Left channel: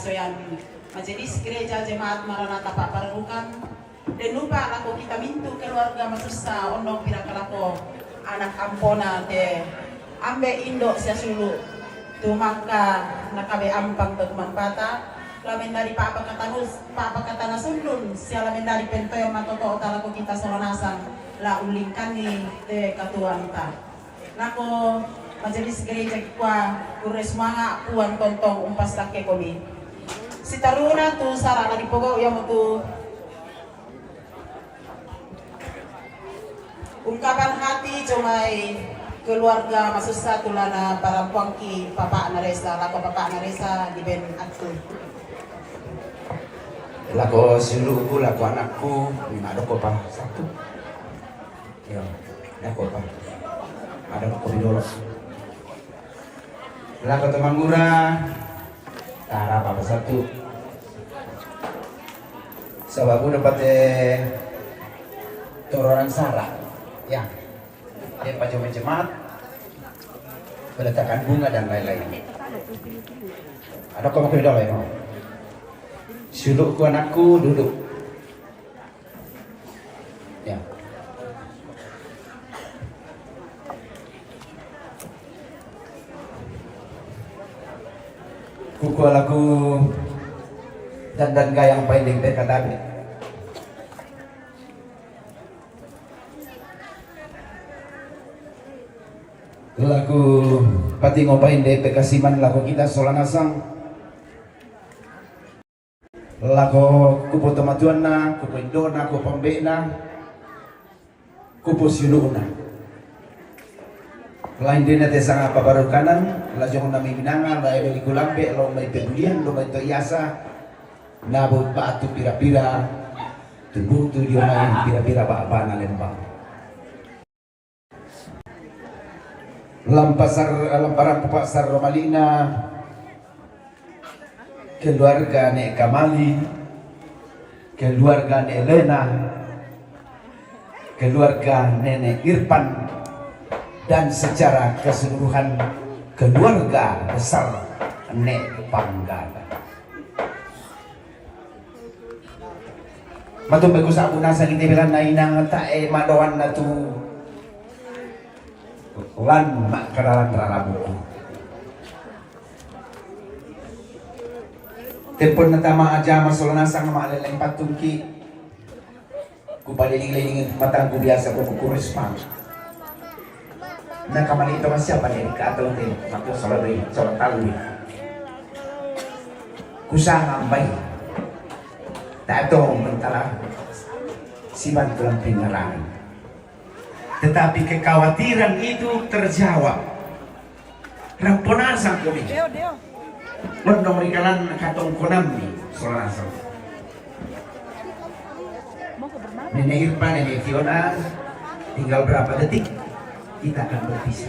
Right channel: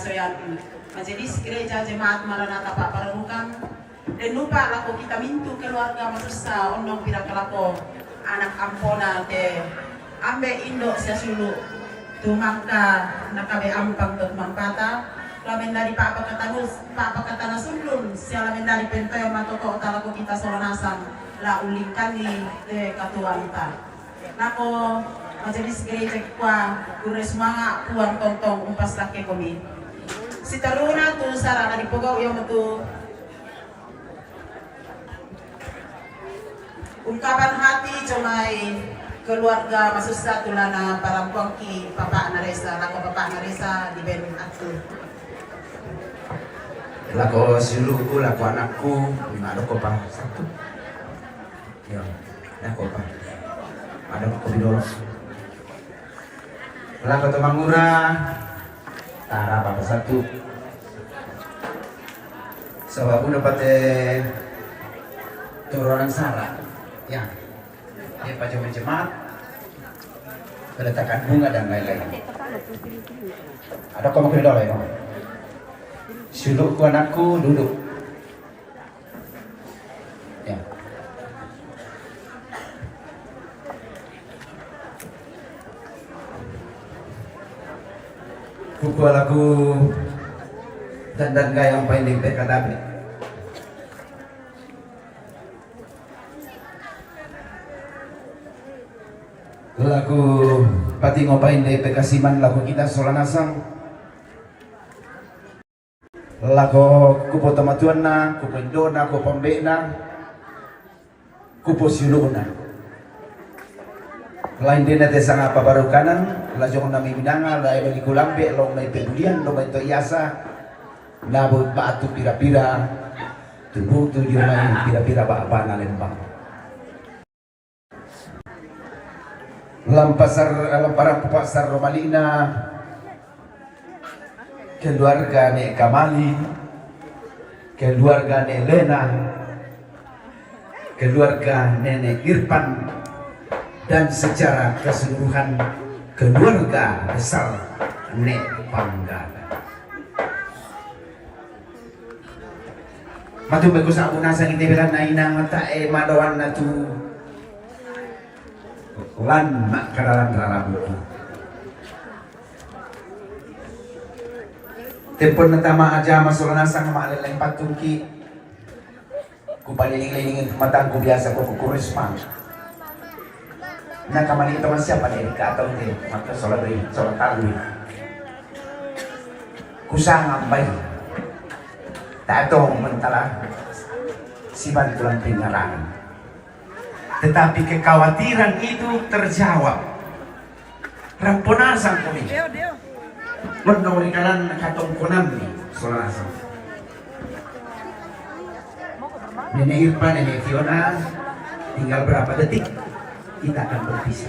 soyan majelis gereja jemaat Maranatha Pak Parabukan dan lupa lako kita mintu keluarga masusa ondong pira kelako anak ampona te ambe indo sia sulu tumaka nakabe ampang ke mampata lamen dari papa kata nasundun sia lamen dari pentoyo matoto talako kita soranasam la ulingkani te katuanta nako majelis gereja kwa kure semanga puang tontong umpas lake komi si taruna tu sarana di pogok yang tu ungkapan hati cumai keluarga maksud satu lana para puangki papa naresa lako papa naresa di ben aku lako siluku lako anakku ada kopa satu ya ada kopa ada koridor lako teman murah tara apa satu sebab aku dapat orang salah ya dia pajak jemaat peletakan bunga dan lain-lain ada koma koridor ya sulukku anakku duduk ya kuku lagu dan gayang paling katabi lagu pati ngopain deh pekasiman lagu kita solanasang lagu kupo tamatuana kupo indona kupo pembena kupo siluna lain dina desa apa baru kanan lajong nami minanga la ebe kulambe lo mai pedulian lo mai toyasa nabu batu pira-pira tubuh tu dia mai pira-pira ba na lembang lamparan pasar Romalina keluarga Nek Kamali keluarga Nek Lena keluarga Nenek Irfan dan secara keseluruhan keluarga besar Nek Panggala. Matu bagus aku nasa kita bilang nainang tae madawan na tu lan mak kadaran rarabu. Tempon natama aja masalah nasang maleleng patungki. Ku paliling-liling matangku biasa ko kurisman. Nya kamali itu masih apa nih atau teh maka soal tahu usaha baik tak tahu mentara siman tulang penerangan tetapi kekhawatiran itu terjawab ramponasan kami menurut kalian katong konam nih soal asal Nenek Irfan, Nenek Fiona tinggal berapa detik kita akan berpisah.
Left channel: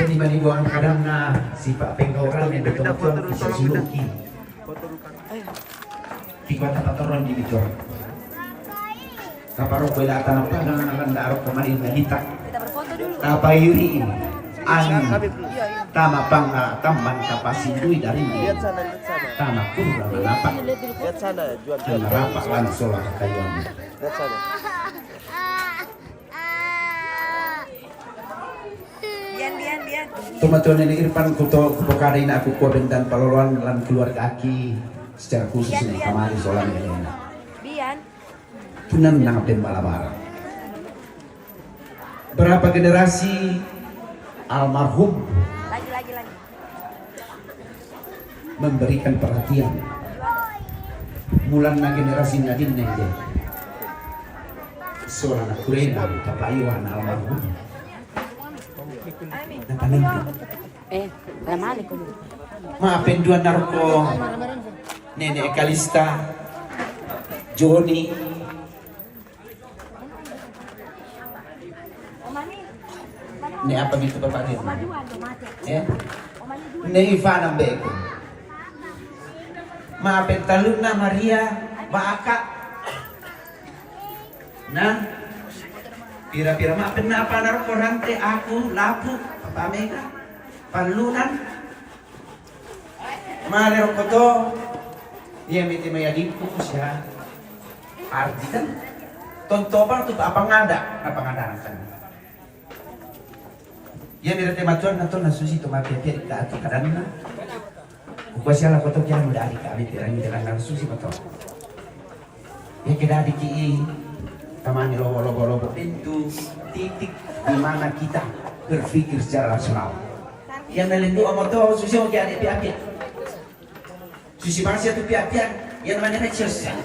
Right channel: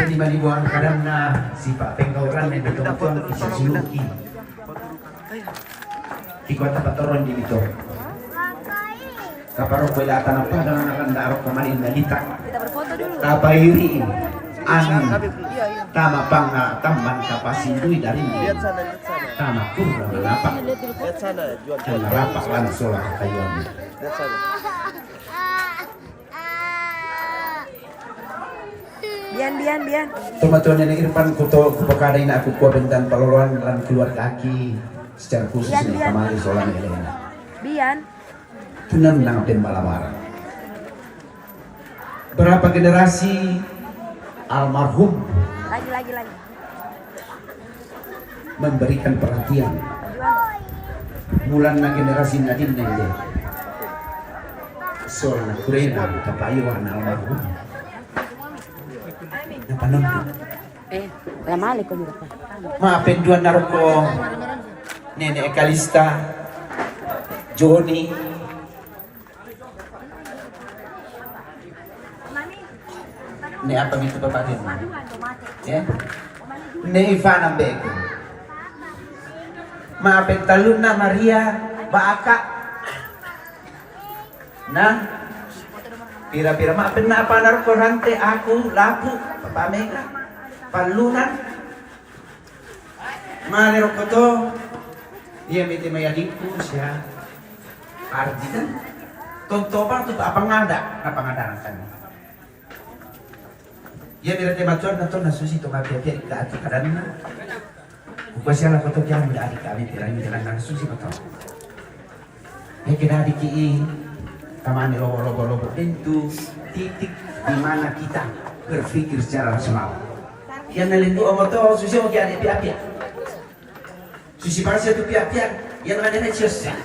Dan dibanding kadang si Pak Penggauran yang betul-betul bisa suluki. Kikuat tempat turun di itu. Kaparok bela tanah pada mengakan darok kemarin dalita. Tabayuri angin. Tama pang tamban kapasindui dari ini. Tama kurang lapak. Lihat sana, jual. Lapak langsung lah kayuan. Lihat sana. Bian. Teman-teman Nenek Irfan kuto kupokadain aku kuah bentan paloluan lan keluarga aki secara khusus nih kamari solan Helena. Bian. Tunan nang pembalabaran. Berapa generasi almarhum Lagi. memberikan perhatian. Mulan na generasi nadin na dia. Seorang kurena kapayuan almarhum. Napanunod. Ramani ko. Maafin dua naroko Nenek Ekalista Joni ni apa gitu bapak itu ya ni Ivana Beko maafin Taluna Maria Baaka nah pira-pira maafin na apa naroko rante aku lapu Papa Mega Palunan Mare rokoto, dia mete mayadiku siya. Arti kan, tontoba tu apa ngada kan. Dia berarti matuan nato nasusi tu mati dia di ati karena. Bukan siapa koto kira dari kami tirang nasusi betul. Ya kita di ki, kemana lobo itu titik di mana kita berpikir secara rasional. Yang nelindu omor tu susi mau kian pihak. Susi bangsa tu pihak yang mana susah.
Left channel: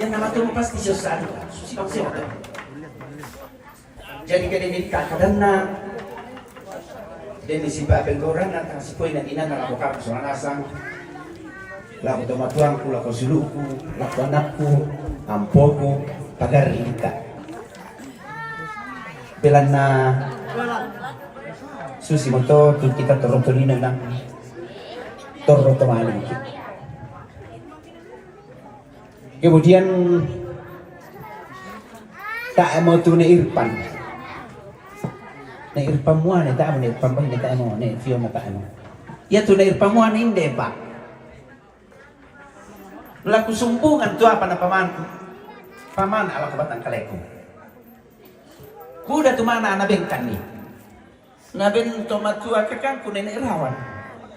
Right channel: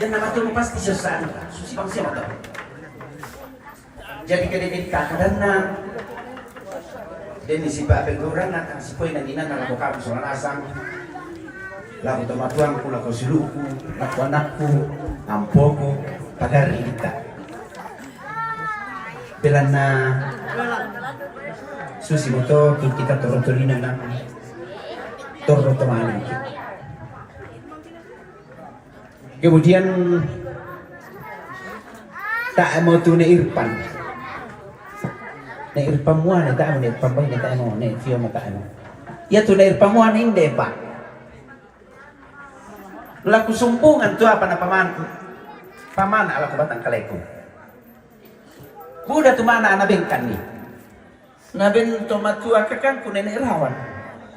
Yang nama tu pasti susah. Susi bangsa tu. Jadi kedai karena deni si babe orang atang si poin nadina na labo kapo sa nasang labo tomatuangku labo siluku labo anakku ampoko pagarita belan na susi moto kita torotolino ng torotomali. Kemudian tak mau tunai Irfan. Na Irfan mo na tayo na Irfan ba na tayo mo na fiyo mo kaano. Ya tu na Irfan mo na hindi pa. Laku sumpungan tu apa na paman ala ko batang kaleko. Kuda tu mana na bengkan ni. Na ben tomatu akakan ku na Irawan.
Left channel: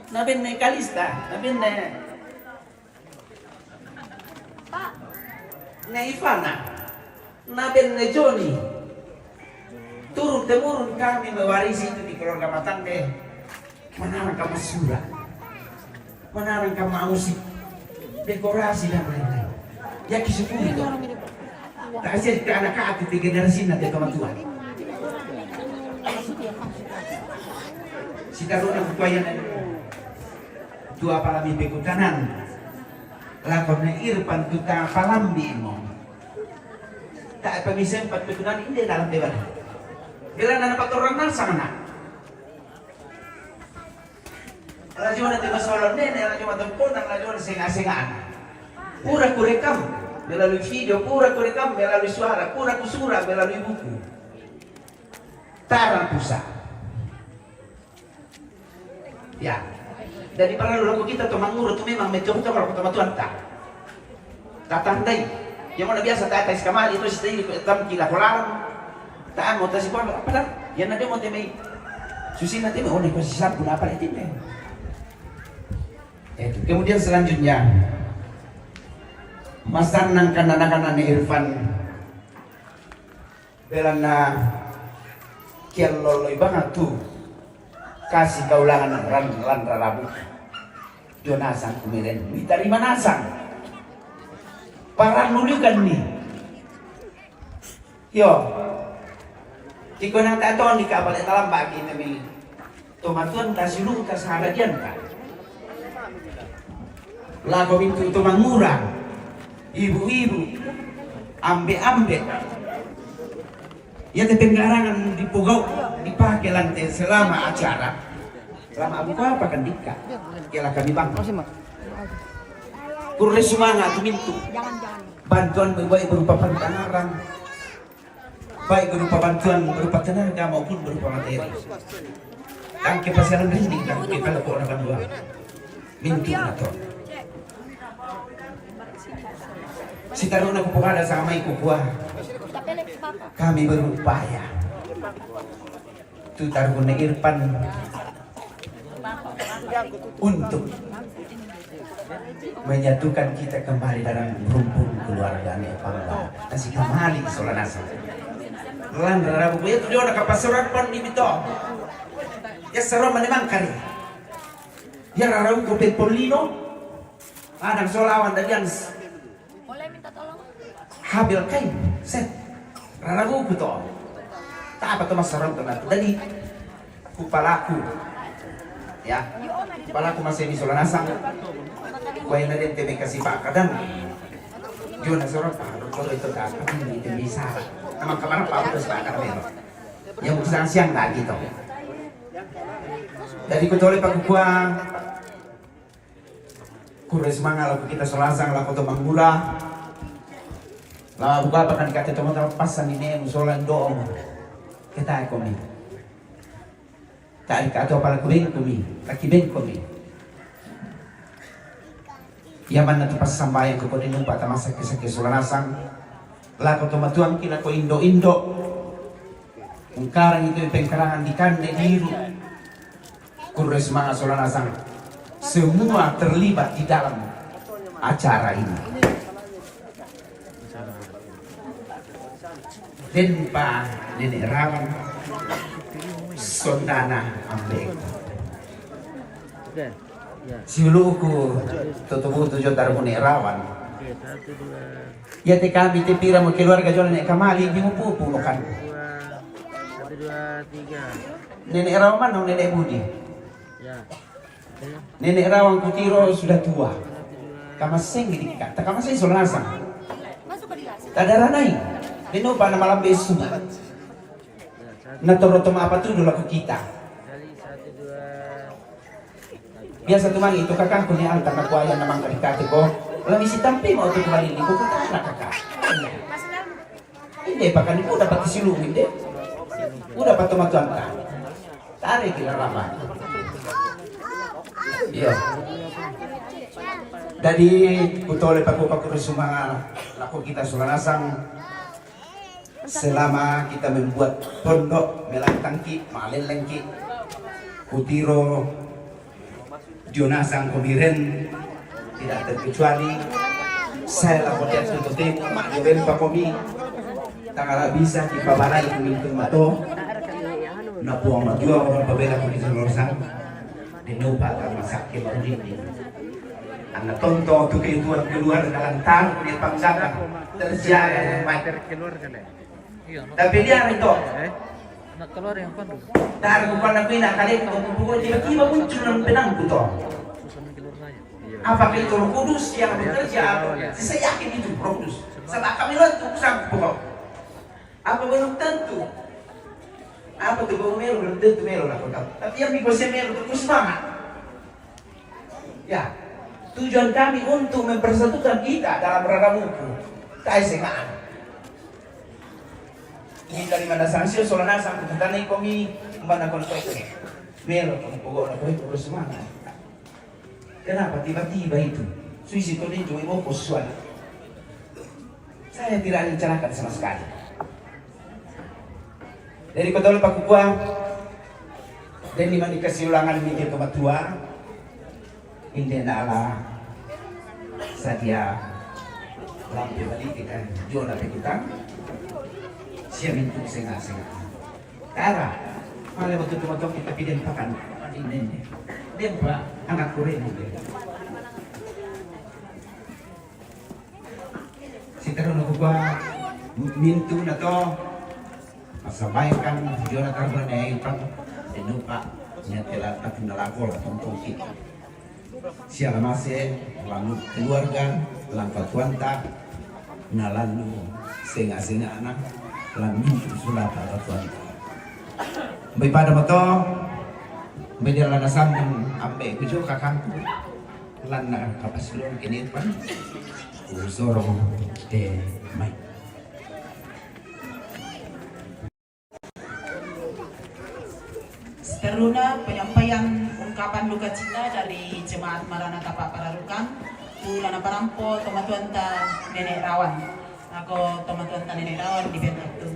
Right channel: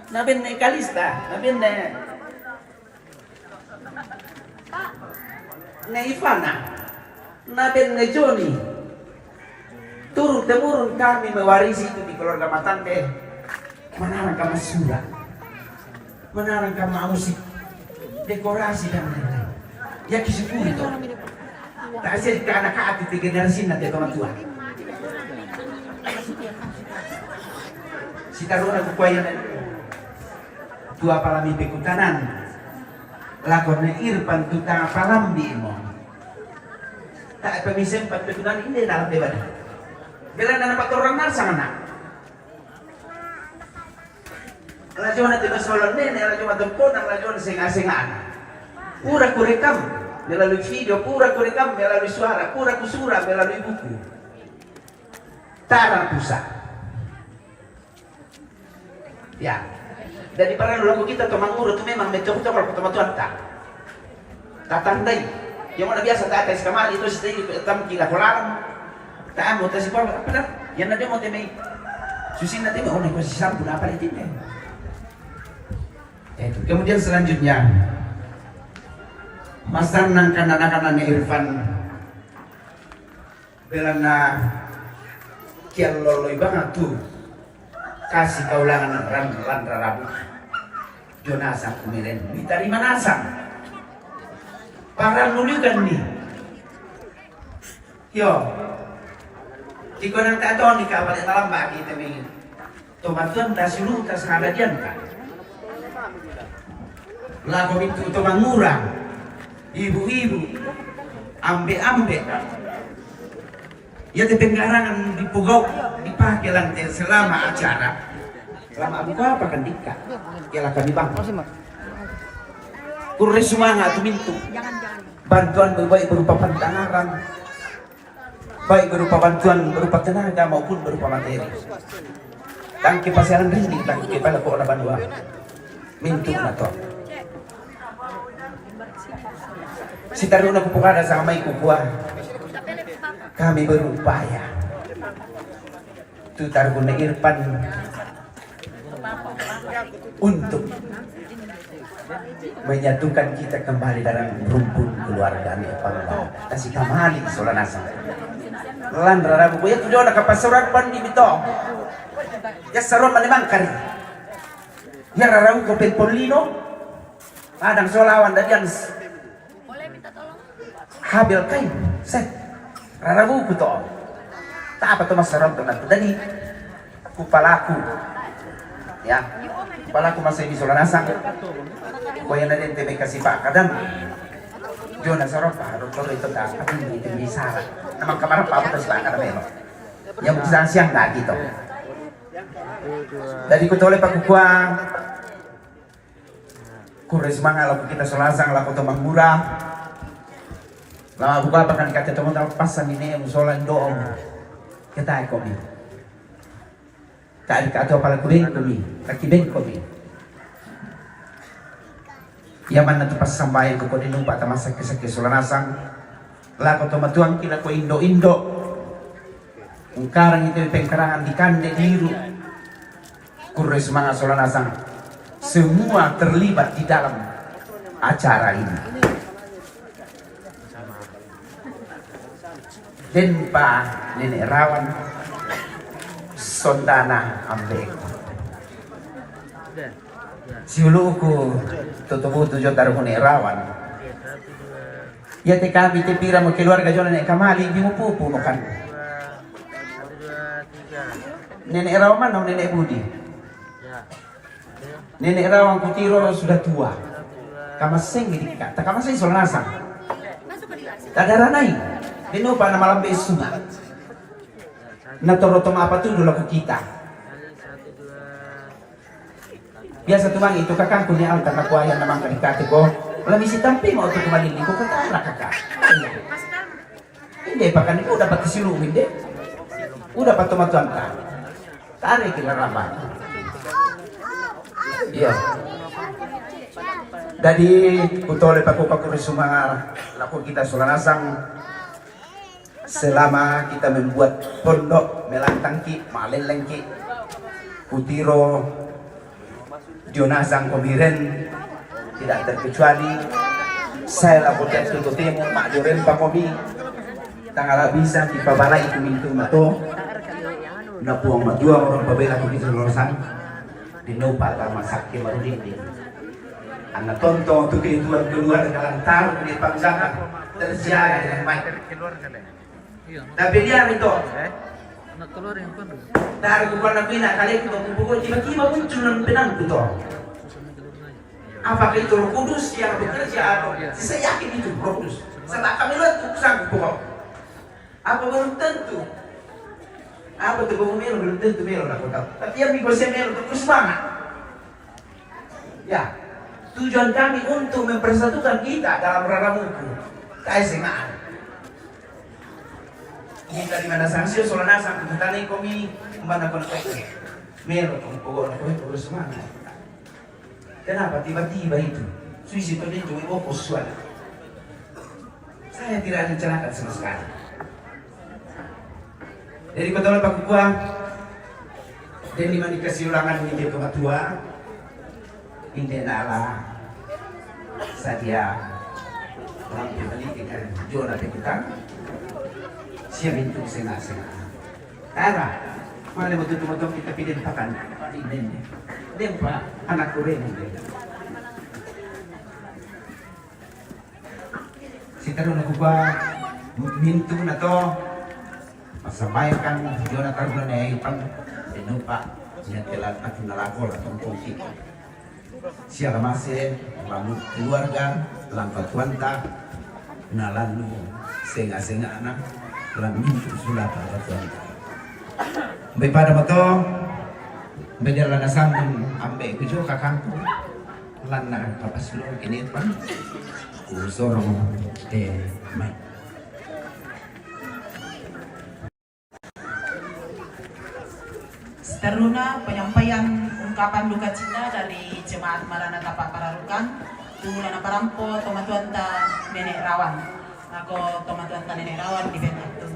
Na ben na Kalista, na ben na Ivana. Na ben na Johnny. Turun-temurun kami mewarisi itu di keluarga Matande. Menarang kamu surat, menarang kamu musik, dekorasi dan lain-lain. Ya kisah itu. Kasih ke anak-anak di generasi nanti orang tua. Si taruna kupain dua palami beku kanan. Lakornya Irfan tu tanga palambi mo. Tak pemisen patutunan ini dalam debat. Bila nana patoran nasang na. Lajo na tino solon nene, lajo matumpunan, lajo na singa-singaan. Pura kurekam, melalui video, pura kurekam, melalui suara, pura kusura, melalui buku. Tarang pusat. Ya, dari para lagu kita tu manguru tu memang mencoba kalau ketemu Tuhan tak. Tatandai, yang mana biasa tak atas kamar itu sendiri tam kila kolam. Tak mau tasi apa dah? Yang nanti mau temui susi nanti mau nih posisi sampun apa itu deh. Itu. Kemudian selanjutnya masan nangkan anak-anak Irfan belana kian loloi banget tuh kasih kaulangan ran rabu Jonasang kemudian diterima nasang para nulikan nih yo. Jika nang tak tahu nikah balik dalam bagi demi tomatuan tas ulu tas hagadian kan. Lagu itu tomang murah, ibu-ibu, ambe-ambe. Ya tepenggarangan di pugau dipakai lantai selama acara. Selama apa kan nikah? Kela kami bang. Kurang semangat mintu. Bantuan berbaik berupa pantangan. Baik berupa bantuan berupa tenaga maupun berupa materi. Tangki pasaran rindik tangki pada pokok na bandua. Mintu na to. Si taruna kupukada sama ikukua. Kami berupaya. Tu taruna Irfan untuk menyatukan kita kembali dalam rumpun keluarga Nepal. Kasih kembali soranasa. Lan raragu ya tu jona kapasuran pan di bito. Ya seron malimangkan. Ya raragu ko Polino. Adang solawan dadian. Boleh minta tolong? Habil kain. Set. Raragu ko to. Tak apa tu mas seron tu nanti. Dani kupalaku. Ya. Kupalaku masih di soranasa. Kaya na din tebe kasi pa kadang. Jona seron pa. Kalau itu tak apa itu bisa. Amang kemarin Pak terus Pak Karmen. Yang urusan siang nggak gitu. Dari kutoleh Pak Kukua, kuris semangat lagu kita selasang lagu tomang murah. Nah buka apa kan kata teman-teman pasang ini musola doong. Kita ekonomi. Tak kata apa lagu ben kami, kaki ben kami. Yaman na pas sambayan ko din yung patama sa sulanasang. Lako tumatuang kina ko Indo-Indo. Kung karang ito yung pengkarangan di kande diru. Kuris mga sulanasang. Semua terlibat di dalam acara ini. Dan Pak Nenek Rawan Sondana Ambek. Siuluku tutubu tujuh taruh Nenek Rawan. Ya te kami te pira mo keluarga jo Nenek Kamali di pupu bukan. Nenek Rawan mana Nenek Budi? Nenek Rawan Kutiro sudah tua. Kamaseng ini kata kamaseng solanasang. Masuk ke kelas. Tadara naik. Dino pa na malam besu. Natoroto apa tuh dulu ke kita. Biasa tuh itu kakak punya altar nakuaya namang kadikati ko. Lalu si tampi mau tuh kembali ko kakak na kakak. Hindi pa kan udah dapat silungin deh. Udah dapat tumatuan ka. Tarik kita nama. Iya. Dari utole paku semua laku kita sulanasang. Selama kita membuat pondok melantangki, malelengki, Kutiro, Jonasang Komiren, tidak terkecuali saya lakukan tututin, mak jebel pakomi, tanggal bisa dipabalai kumintung mato, napuang majua orang pabela kumintung lorosan, dinupa tama sakit marudin. Anak tonton tu keituan keluar dengan tar di pangsakan terjaga dengan baik. Tapi dia itu anak keluar yang apa tuh? dari bukan aku nak kalian pukul tiba-tiba muncul dalam benangku toh. Apakah itu Roh Kudus yang bekerja? Saya yakin itu Roh Kudus. Setelah kami lihat itu sanggup pokok. Apa belum tentu? Apa tuh bang Melo belum tentu Melo aku tahu. Tapi yang dikuasai Melo terus semangat. Ya, tujuan kami untuk mempersatukan kita dalam ragam hukum. Kesenangan. Jika di mana sanksi solanasa kutani kami mana kontak Melo pokok aku terus semangat. Kenapa tiba-tiba itu? Suisi itu dia cuma kosong. Saya tidak rencanakan sama sekali. Dari kota Pak Kukuang dan di mana dikasih ulangan media kematua ini adalah saja orang pribadi dengan Jona kita siap untuk senang-senang. Karena malah betul-betul kita pilih pakan ini. Dempa anak Korea si terus aku mintu na to masabaykan Jonathan Renee pang lupa niya telat at nalakol atong tungkit siya lamase lalu keluarga lang katuanta na lalu senga-senga anak lang mintu sulat at katuanta may pada mo to beda lanasan ambe kujo kakangku lan na kapasulong kinit pan usoro mai Seterusnya penyampaian ungkapan duka cita dari Jemaat Maranatha Pak Pararukan Tulana Parampo Tomatuanta Nenek Rawan. Ako Tomatuanta Nenek Rawan di Benaktu.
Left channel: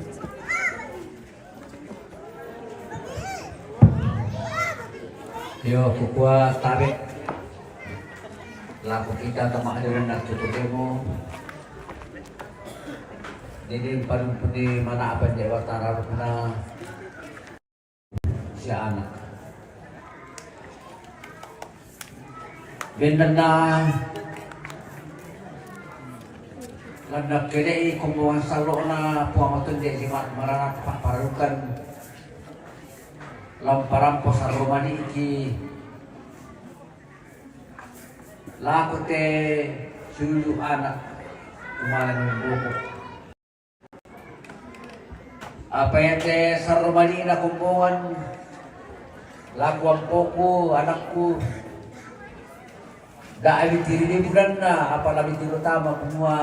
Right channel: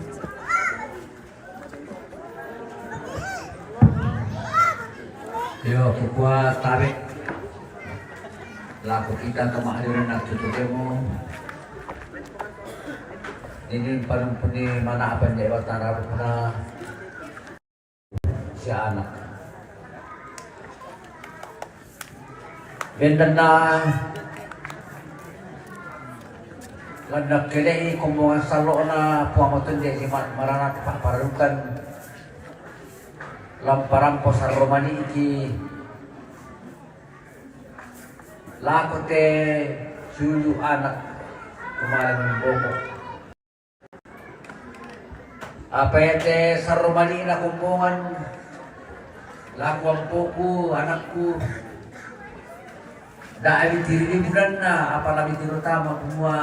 Yo, kukua tarik laku kita kemakliran nak tutupemu. Ini paling puni mana apa yang Jawa Tara puna si anak. Bendana landak kini kumuha salo na puamatun di Jemaat Maranatha Pak Pararukan lamparampo sa Romani iki laku te sulu anak kumain boko apa te sa Romani na kumpungan laku ang poko anakku dahil tiriliburan na apa nabi terutama kumua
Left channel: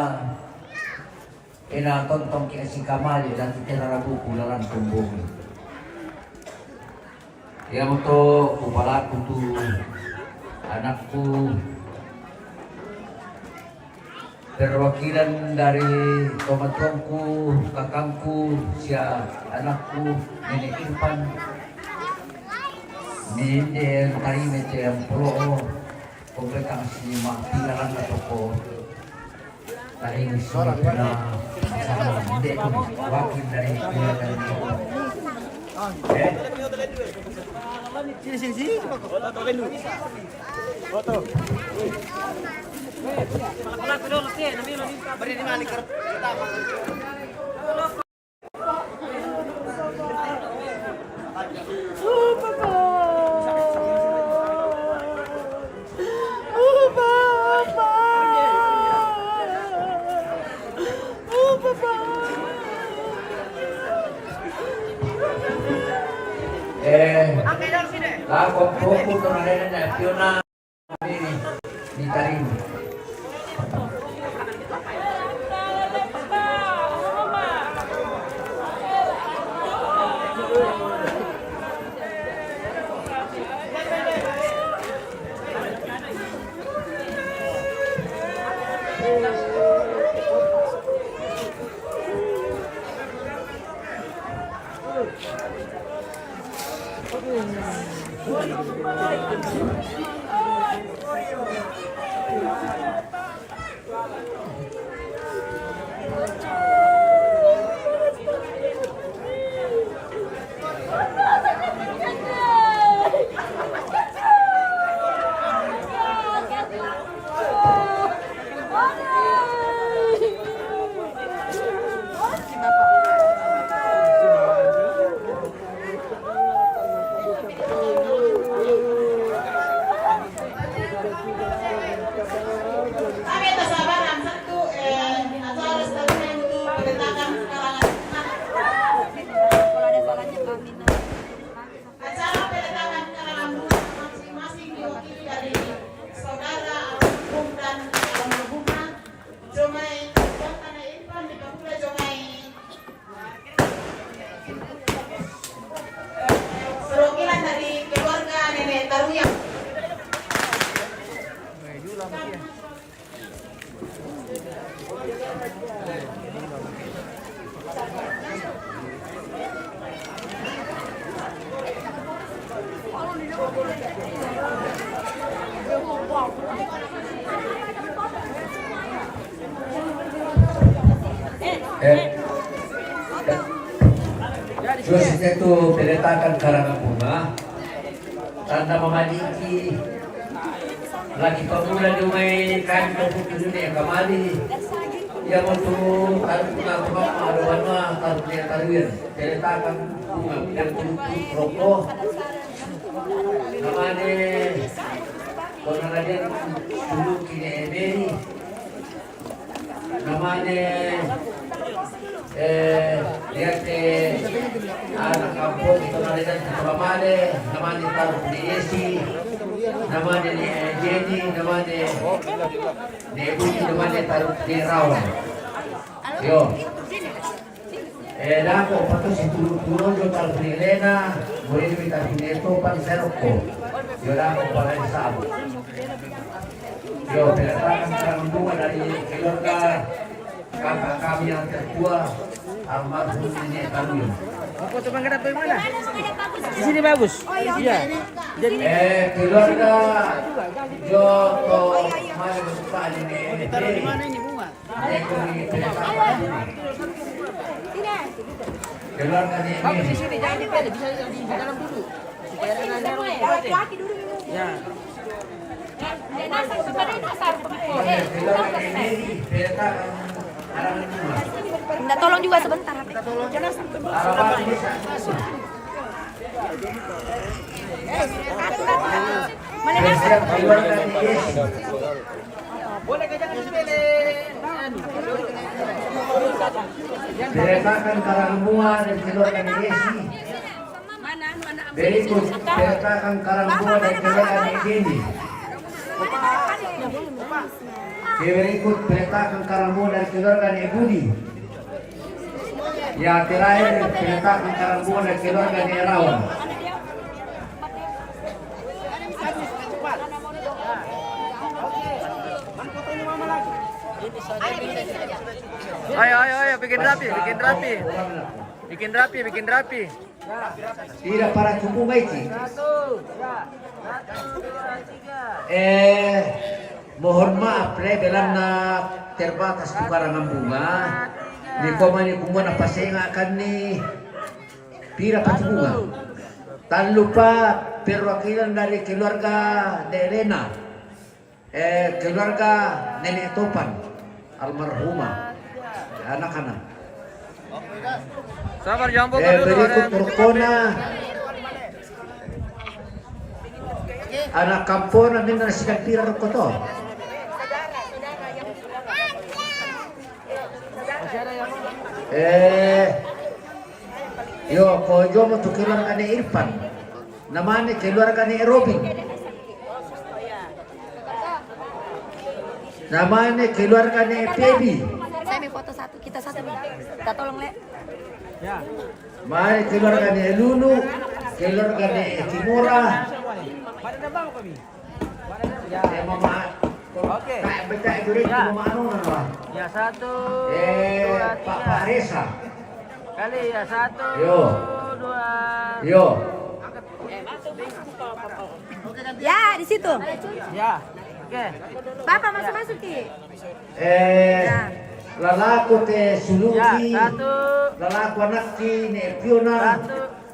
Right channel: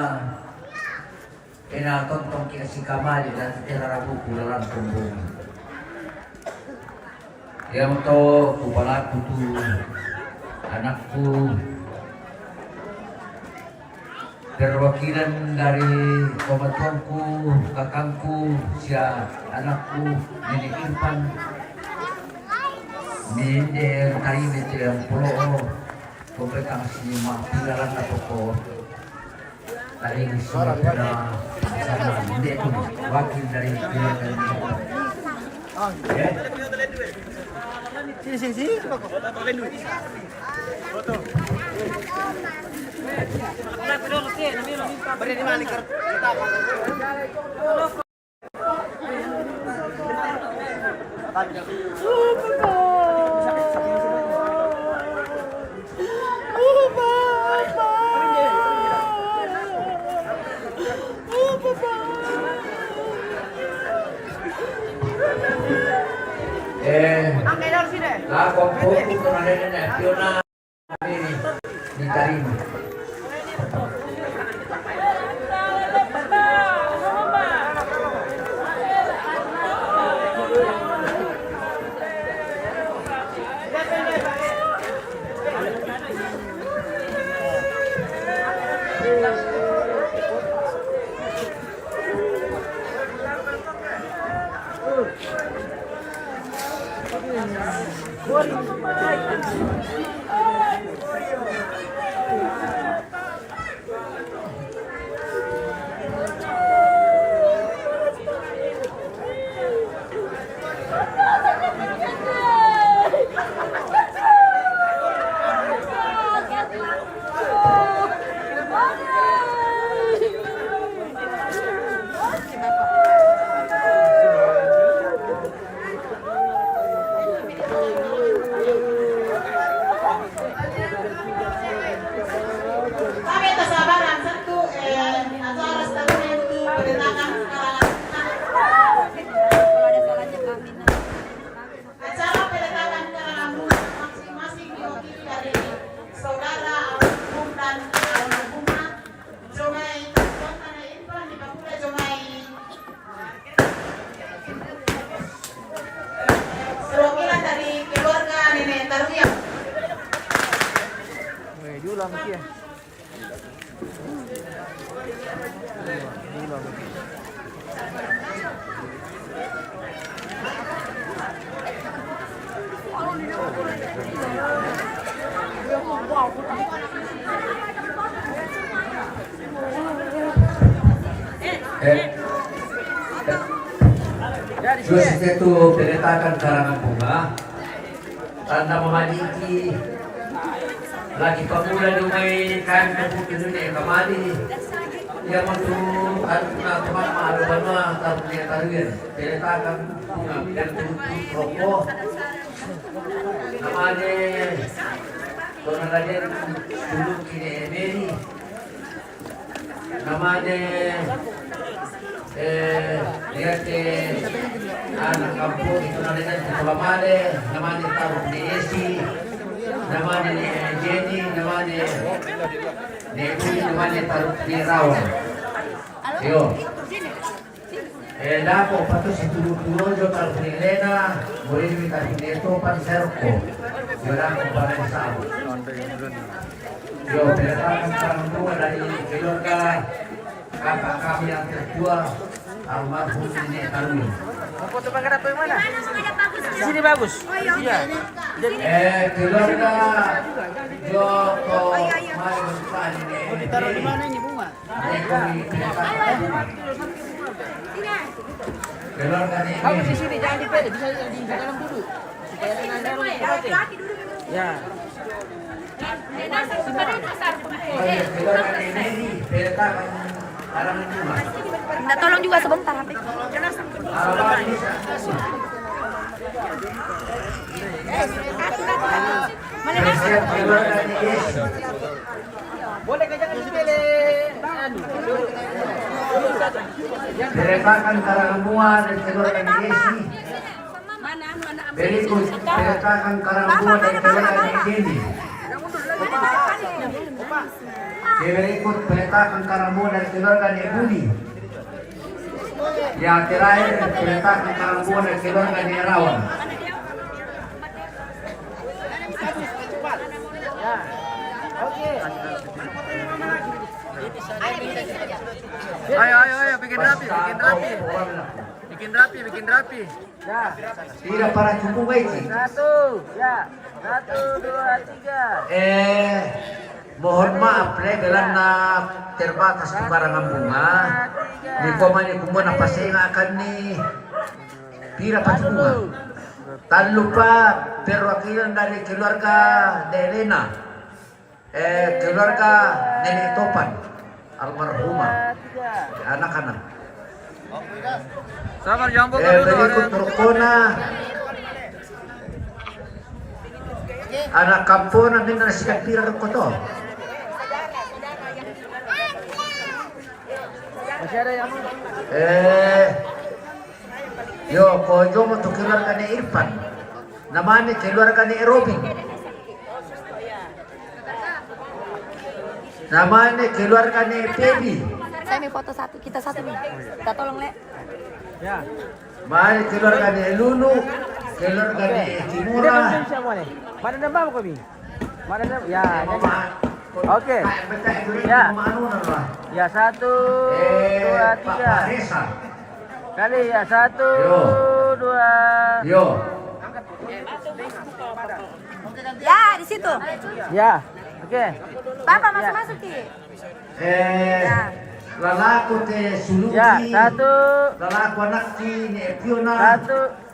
tontong kina si Kamali dan titira buku dalam kumbungan. Yang to kupalaku tu anakku perwakilan dari pematuanku, kakangku, sia anakku, Nenek Irfan, Ninde Tarime yang pro, pemberikan si makiran atau ko, tadi semua Ninde wakil dari Sini. La compuso con la nacional di Tarime. Kami kesabaran satu acara setahun itu penetapan Kalau ada salahnya kami acara penetapan karangan bunga masing-masing diwakili dari saudara almarhum dan almarhumah Jomai Dr. Irfan di Papua Jomai perwakilan dari keluarga Nenek Taruya. Terus itu peletakan karangan bunga, tanda memadiki lagi pemuda dungai kan ke dunia kembali yang untuk aruna mama aruna aruna taruyan peletakan bunga dan tutup rokok namanya Kornalian dulu kini Emeri namanya lihat anak kampung itu namanya Kelamade, namanya taruh di Esi, namanya di Jenny, namanya di Budi, namanya taruh di Rawan. Yo, dako pato si turun yo taruh di Lena, boleh kita punya itu pada seroko, yo dako pada sabu. Yo, berdasarkan perangkuan dari keluarga kakak kami yang tertua almarhum Nenek Tarumi. Di sini bagus. Iya. Keluarga Joko mari bertanya ini. Mau ditaruh di mana ini bunga? Keluarga ini. Kamu di sini jangan dipilih, bisa di dalam dulu. Supaya ada ruang. Ya. Keluarga ini peletakan karangan bunga. Minta tolong juga sebentar. Peletakan karangan bunga dan keluarga Desi. Berikut peletakan karangan bunga dan keluarga Desi. Berikut peletakan karangan bunga dan keluarga Budi. Yang terakhir peletakan karangan bunga dan keluarga Rawan. Oke. Mana fotonya mama lagi? Ayo, bikin rapi. Bikin rapi. Tidak para cukup baik. 1, 2, 3. Mohon maaf belan na terbatas karangan bunga. Di komani kumbuan apa saya akan ni pira pati bunga. Tak lupa perwakilan dari keluarga Delena, keluarga Nenek Topan, almarhumah, anak-anak. Sabar, jangan buka dulu. Berikut Turkona, anak kampung minta nasikan pira koto. Yo, kojo mo to keluarga ni Irfan. Namanya keluarga ni Robin. Namanya keluarga ni Pebi. Saya mau foto satu, kita satu nih. Kita tolong, Le. Ya. Namanya keluarga ni Lulu, keluarga ni Kimura. Mana nama kami? Mana nama? Ya. Mama. Oke. Betul itu Ya. mama anu napa? Ya, 1, 2, Pak 3. Resa. Kali ya, 1, Yo. 2. Yo. Ya, di situ. Ya. Oke. Bapak masuk-masuk, Ki. Lalaku te Ya, Suluki. 1, Lalaku anak ti ni Fiona. 1.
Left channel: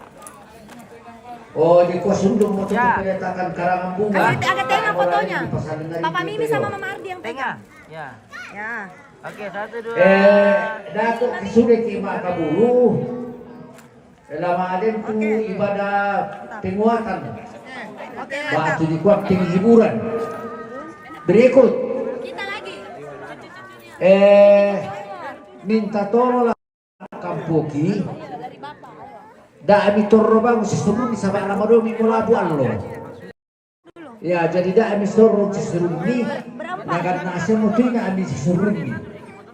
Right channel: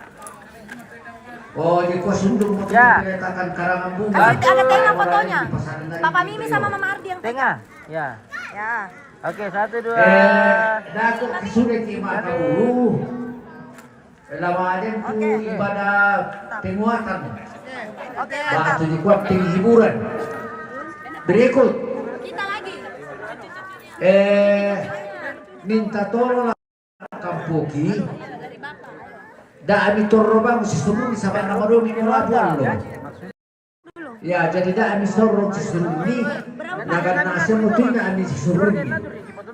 Oh, di Kosundung mau Ya. kelihatan karangan bunga. Angkat tengok fotonya. Di pasar dari Papa itu, Mimi yo. sama Mama Ardi yang Tengah. Ya. Ya. Oke, 1, 2. Daku sudah tiba kabulu. Lama ada tu ibadah penguatan. Oke, Waktu di kuat hiburan. Berikut. kita lagi. Minta tolong lah kampuki. Da ami torro si suruh di sabang nama dua minggu labuan lo. Ya, jadi da ami torro si suruh ni. Nagar nasa mutina ami si suruh ni.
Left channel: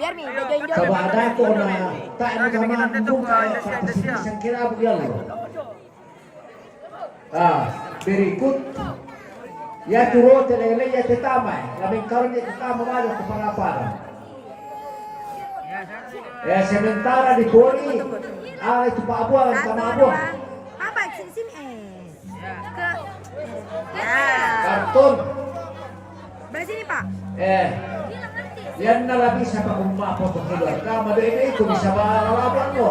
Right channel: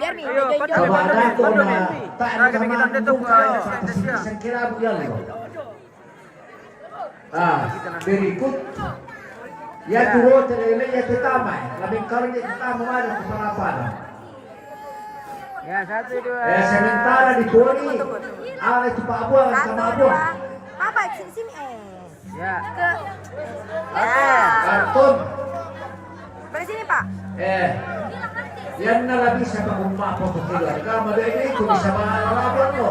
Biar nih, Ayo, join-join. Kalau ada aku na tak Lagi bikin nama update tuh, buka Indonesia. saya kira bukan lo. Berikut. Ya turun telele ya tetama. Kami kawan ya tetama ada kepala. Ya, 1, 2. Sementara di Boli, itu Pak Abuang sama Abuang. Apa sini? Ya. Ya. Kartun. Balik sini, Pak. Yan na lang bisa pag-umpa po sa kilat. Kama doon ito, bisa malalaban mo.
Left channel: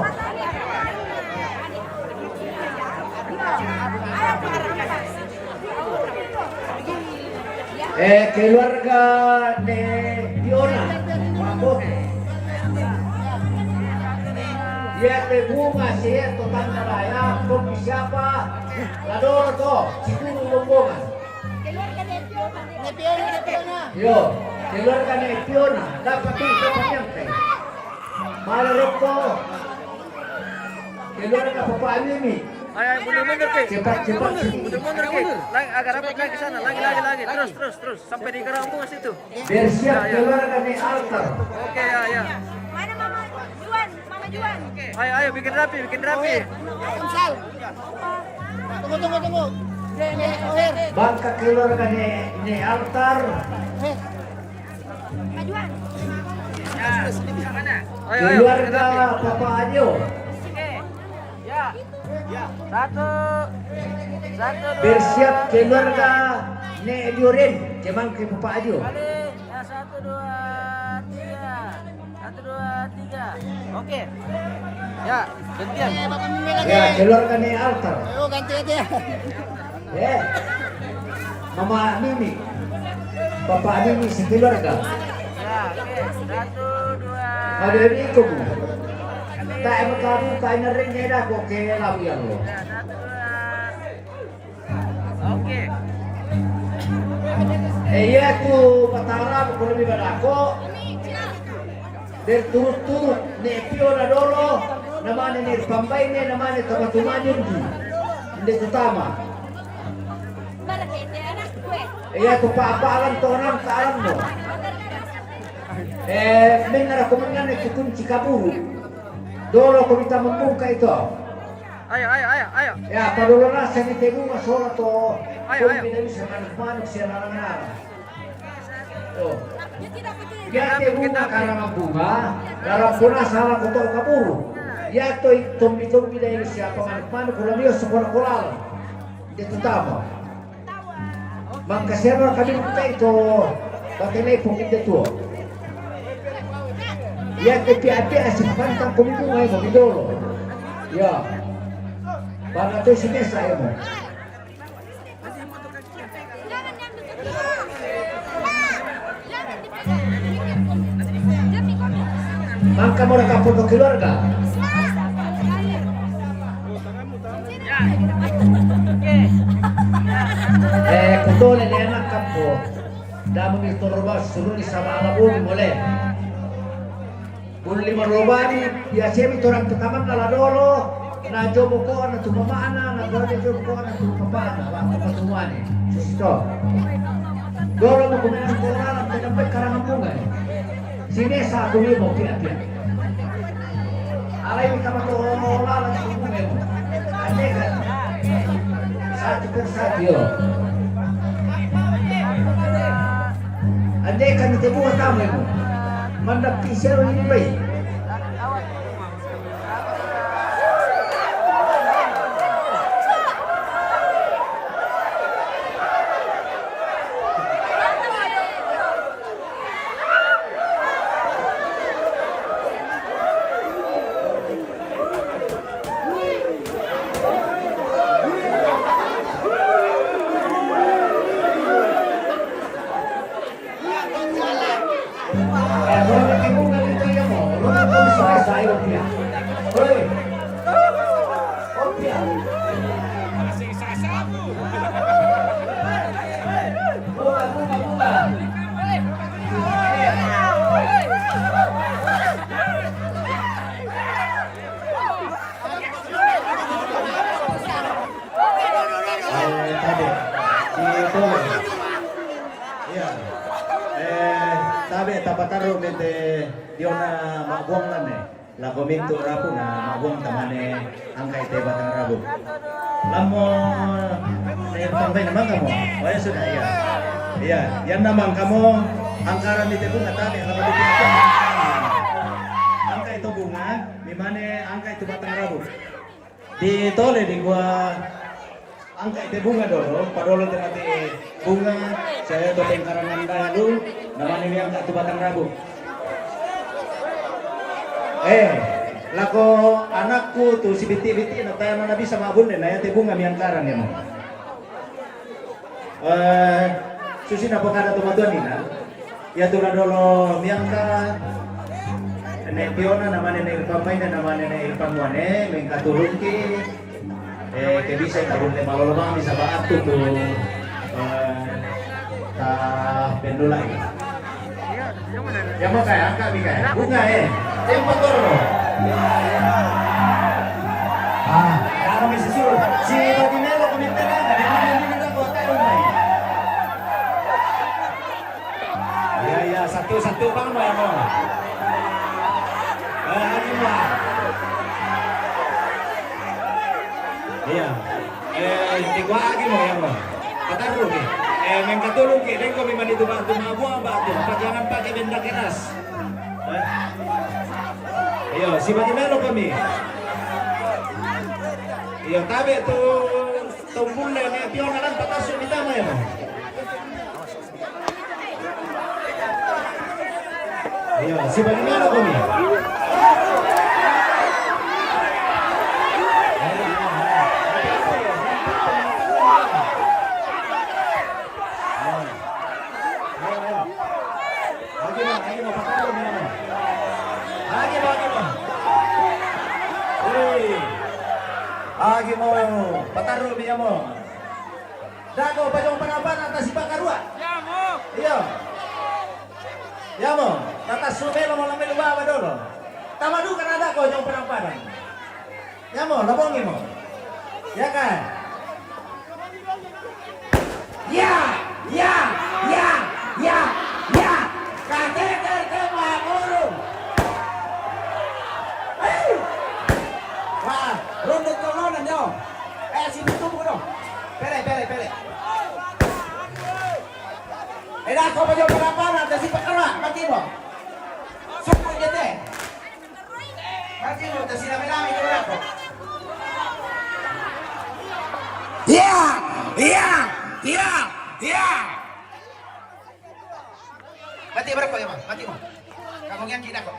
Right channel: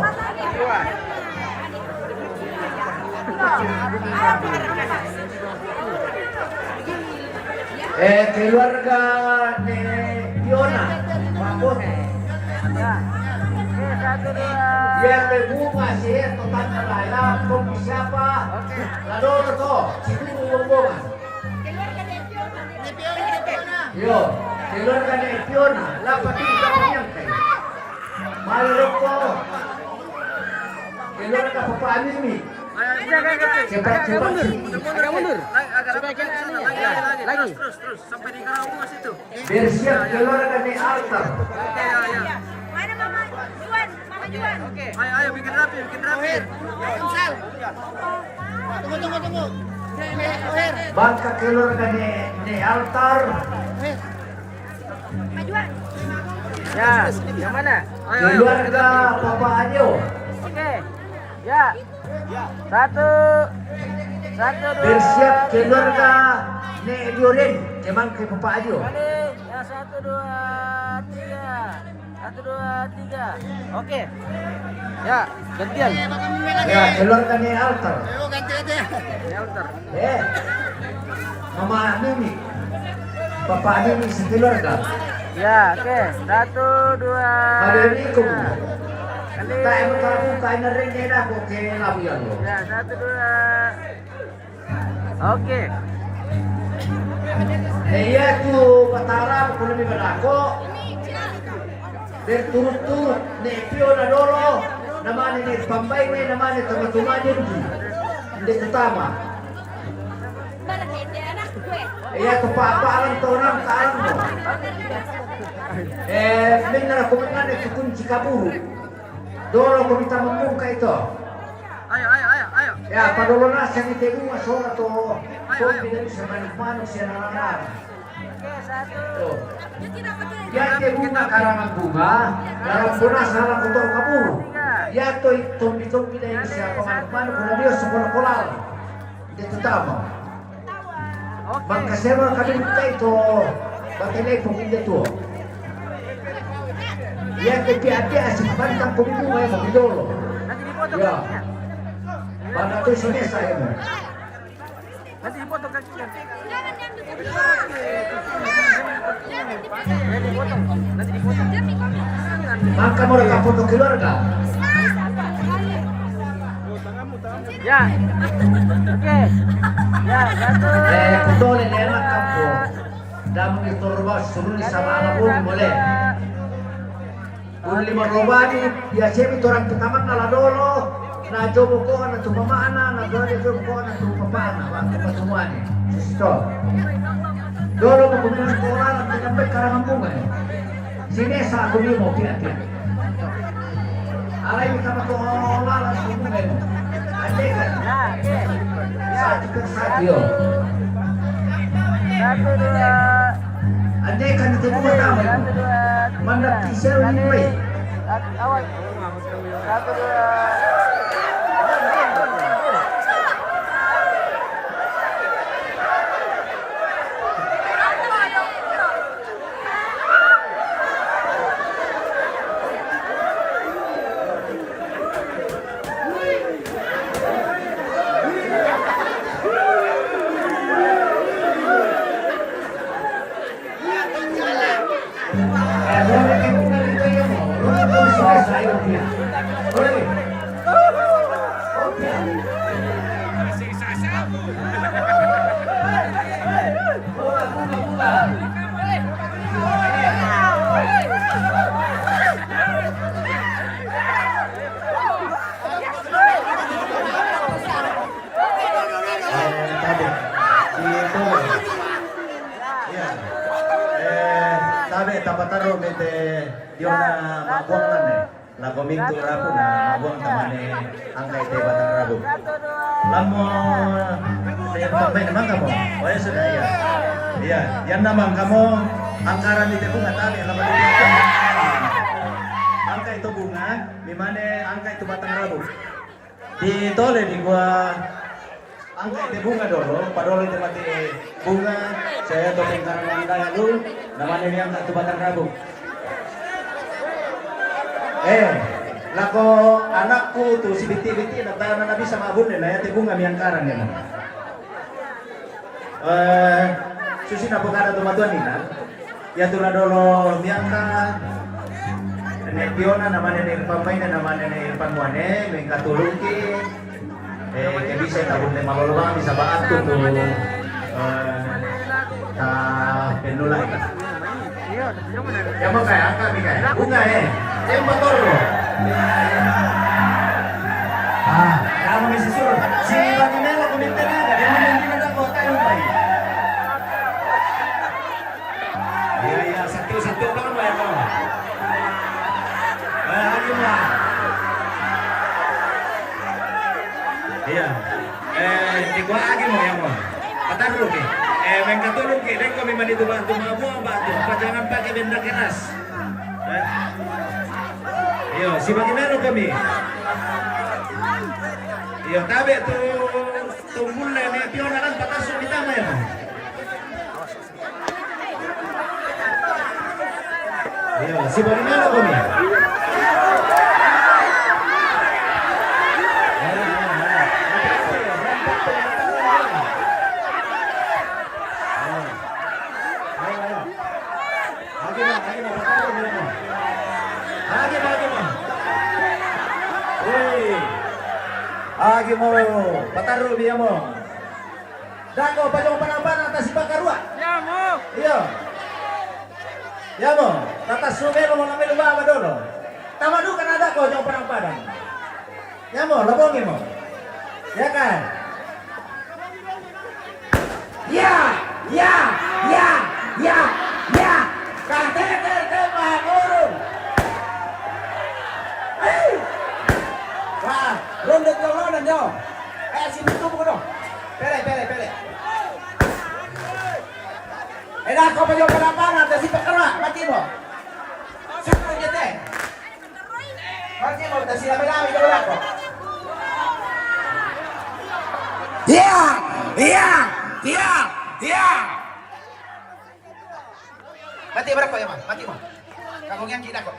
Keluarga ni Fiona. Mabot. Ya, bunga siya, total na laya. Kung siapa, lador to. Siguro bunga. Keluarga de Fiona. Yo, keluarga ni Fiona, dapat bisa menyampai. Malurok ko. Keluarga Papa Mimi. Ayo, cepat. Cepat. Mundur. Agak rapat lagi ke sana. Lagi. Terus. Sampai di kerang bunga situ. Biar siap keluarga ni Altar. Oke, ya. Mana Mama Juan? Mama Juan. Oke. Ayo, bikin rapi. Sal. Tunggu. Bangka keluarga ni Altar. Mama Juan. Ya, yang mana? Ayo, bikin Keluarga rapi. Papa Ajo. Oke. Ya. 1. Bersiap keluarga ni Dioren. Kemang ke Papa Ajo. Balik. Ya, 1, 2, 3. 1, 2, 3. Oke. Ya, gantian. Ya, keluarga ni Altar. Ganti. Mama Mimi. Papa Mimi si keluarga. Ya, oke. 1, 2. Assalamualaikum. Tak kamu kain ring ni dah kok ke lawian lo. Ya, 1, 2. Oke. Iya tu patara ko lebih berako. Berturut-turut ni Fiona dolo. Namanya ni Pambay ni namanya teman-teman di utama. Anak gue. Iya tu paparan tonam taran mo. Minara kumanan ni kunci kaburu. Dolo ko minta membuka itu. Ayo. Ya, padahal nasa ni tebu masora to. Ayo. Tidak bisa manis-manis ya nana. Oke, 1, Oh. Dia bunga karangan bunga, dalam bunga salah kotor kabur. Ya to tumpi dari siapa mana kalau dia sekolah kolal. Itu tama. Magkasema kami buka itu, bakit pong itu. Ya kepiapia si pantang kami bunga itu dulu. Ya. Baka to sini saya mo. Masih foto kakinya. Jangan yang dekat dia. Jangan dipegang. Demi kami. Angka mo nakapunto keluarga. Ya. Oke. Ya. Kutole na enak kampo. Damo ito ruas suruh di sama anak boleh. Uli marobadi biasa itu orang pertama kala dolo. Na jomo ko na tumamana na dolo jomo ko na tumamana ba tuwani. Sisto. Dolo mo kuminan ko ala na dapat karangan bunga. Sini sa kuli mo kira-kira. Aray sama ko wala sa bunga mo. Yo. Andai kan itu buat apa? Mana pisau ini baik. La kominto rapo na magong tamane angkay te batang rabo. Lamo pamay naman kamo. Wala sudah ya. Iya, yan naman kamo angkaran dito bunga tali ang angkay ito bunga, mimane angkay ito batang rabo. Di tole di gua angkay ito bunga doro, padolo ito mati bunga, saya tole karangan dahulu, naman yung angkay ito batang rabo. Lako anakku tuh si biti-biti na tayo na bisa mabun na yate bunga miyangkaran yan. Susi na pagkada tumatuan nila. Ya tuh na dolo miyangkaran. Ane piona naman na pamay na naman na pangwane, may katulong ki. Kaya bisa itabon na malulungan bisa baat to pendulay. Yang mau kayak angka nih kayak bunga yang motor kamu mesti suruh si Baginelo komentar ada yang tidak ada kota yang baik ya satu bang lo ya bang ini mah iya tiga lagi mau yang mau kata dulu nih main katulong ki dengko memang itu bantu mabuang batu apa jangan pakai benda keras. Yo, si Baginelo kami. Yo, tabe tu tumbul le ne pion akan patas sumita mo. Yo, si Baginelo kami. Agi mo, pataro biya mo. Dako pa yung panapan atas si Bakarua. Iya. Ya mo, atas sumero mo namin luwa dolo. Tama do kan ada ko yung panapan. Ya mo, labongi mo. Ya kan? Ya. Kate maguro. Ronde tolongan nyo. Sini tuh bukan. Pele. Enak kok apa yung palapanan na si Pakara, mati mo. Saan niya te? Mati mo, na sinabi-nabi ka wala ko. Yeah! Yeah! Yeah! Yeah! Mati berapa ya, Mas? Mati mo. Kamu yang kita kok.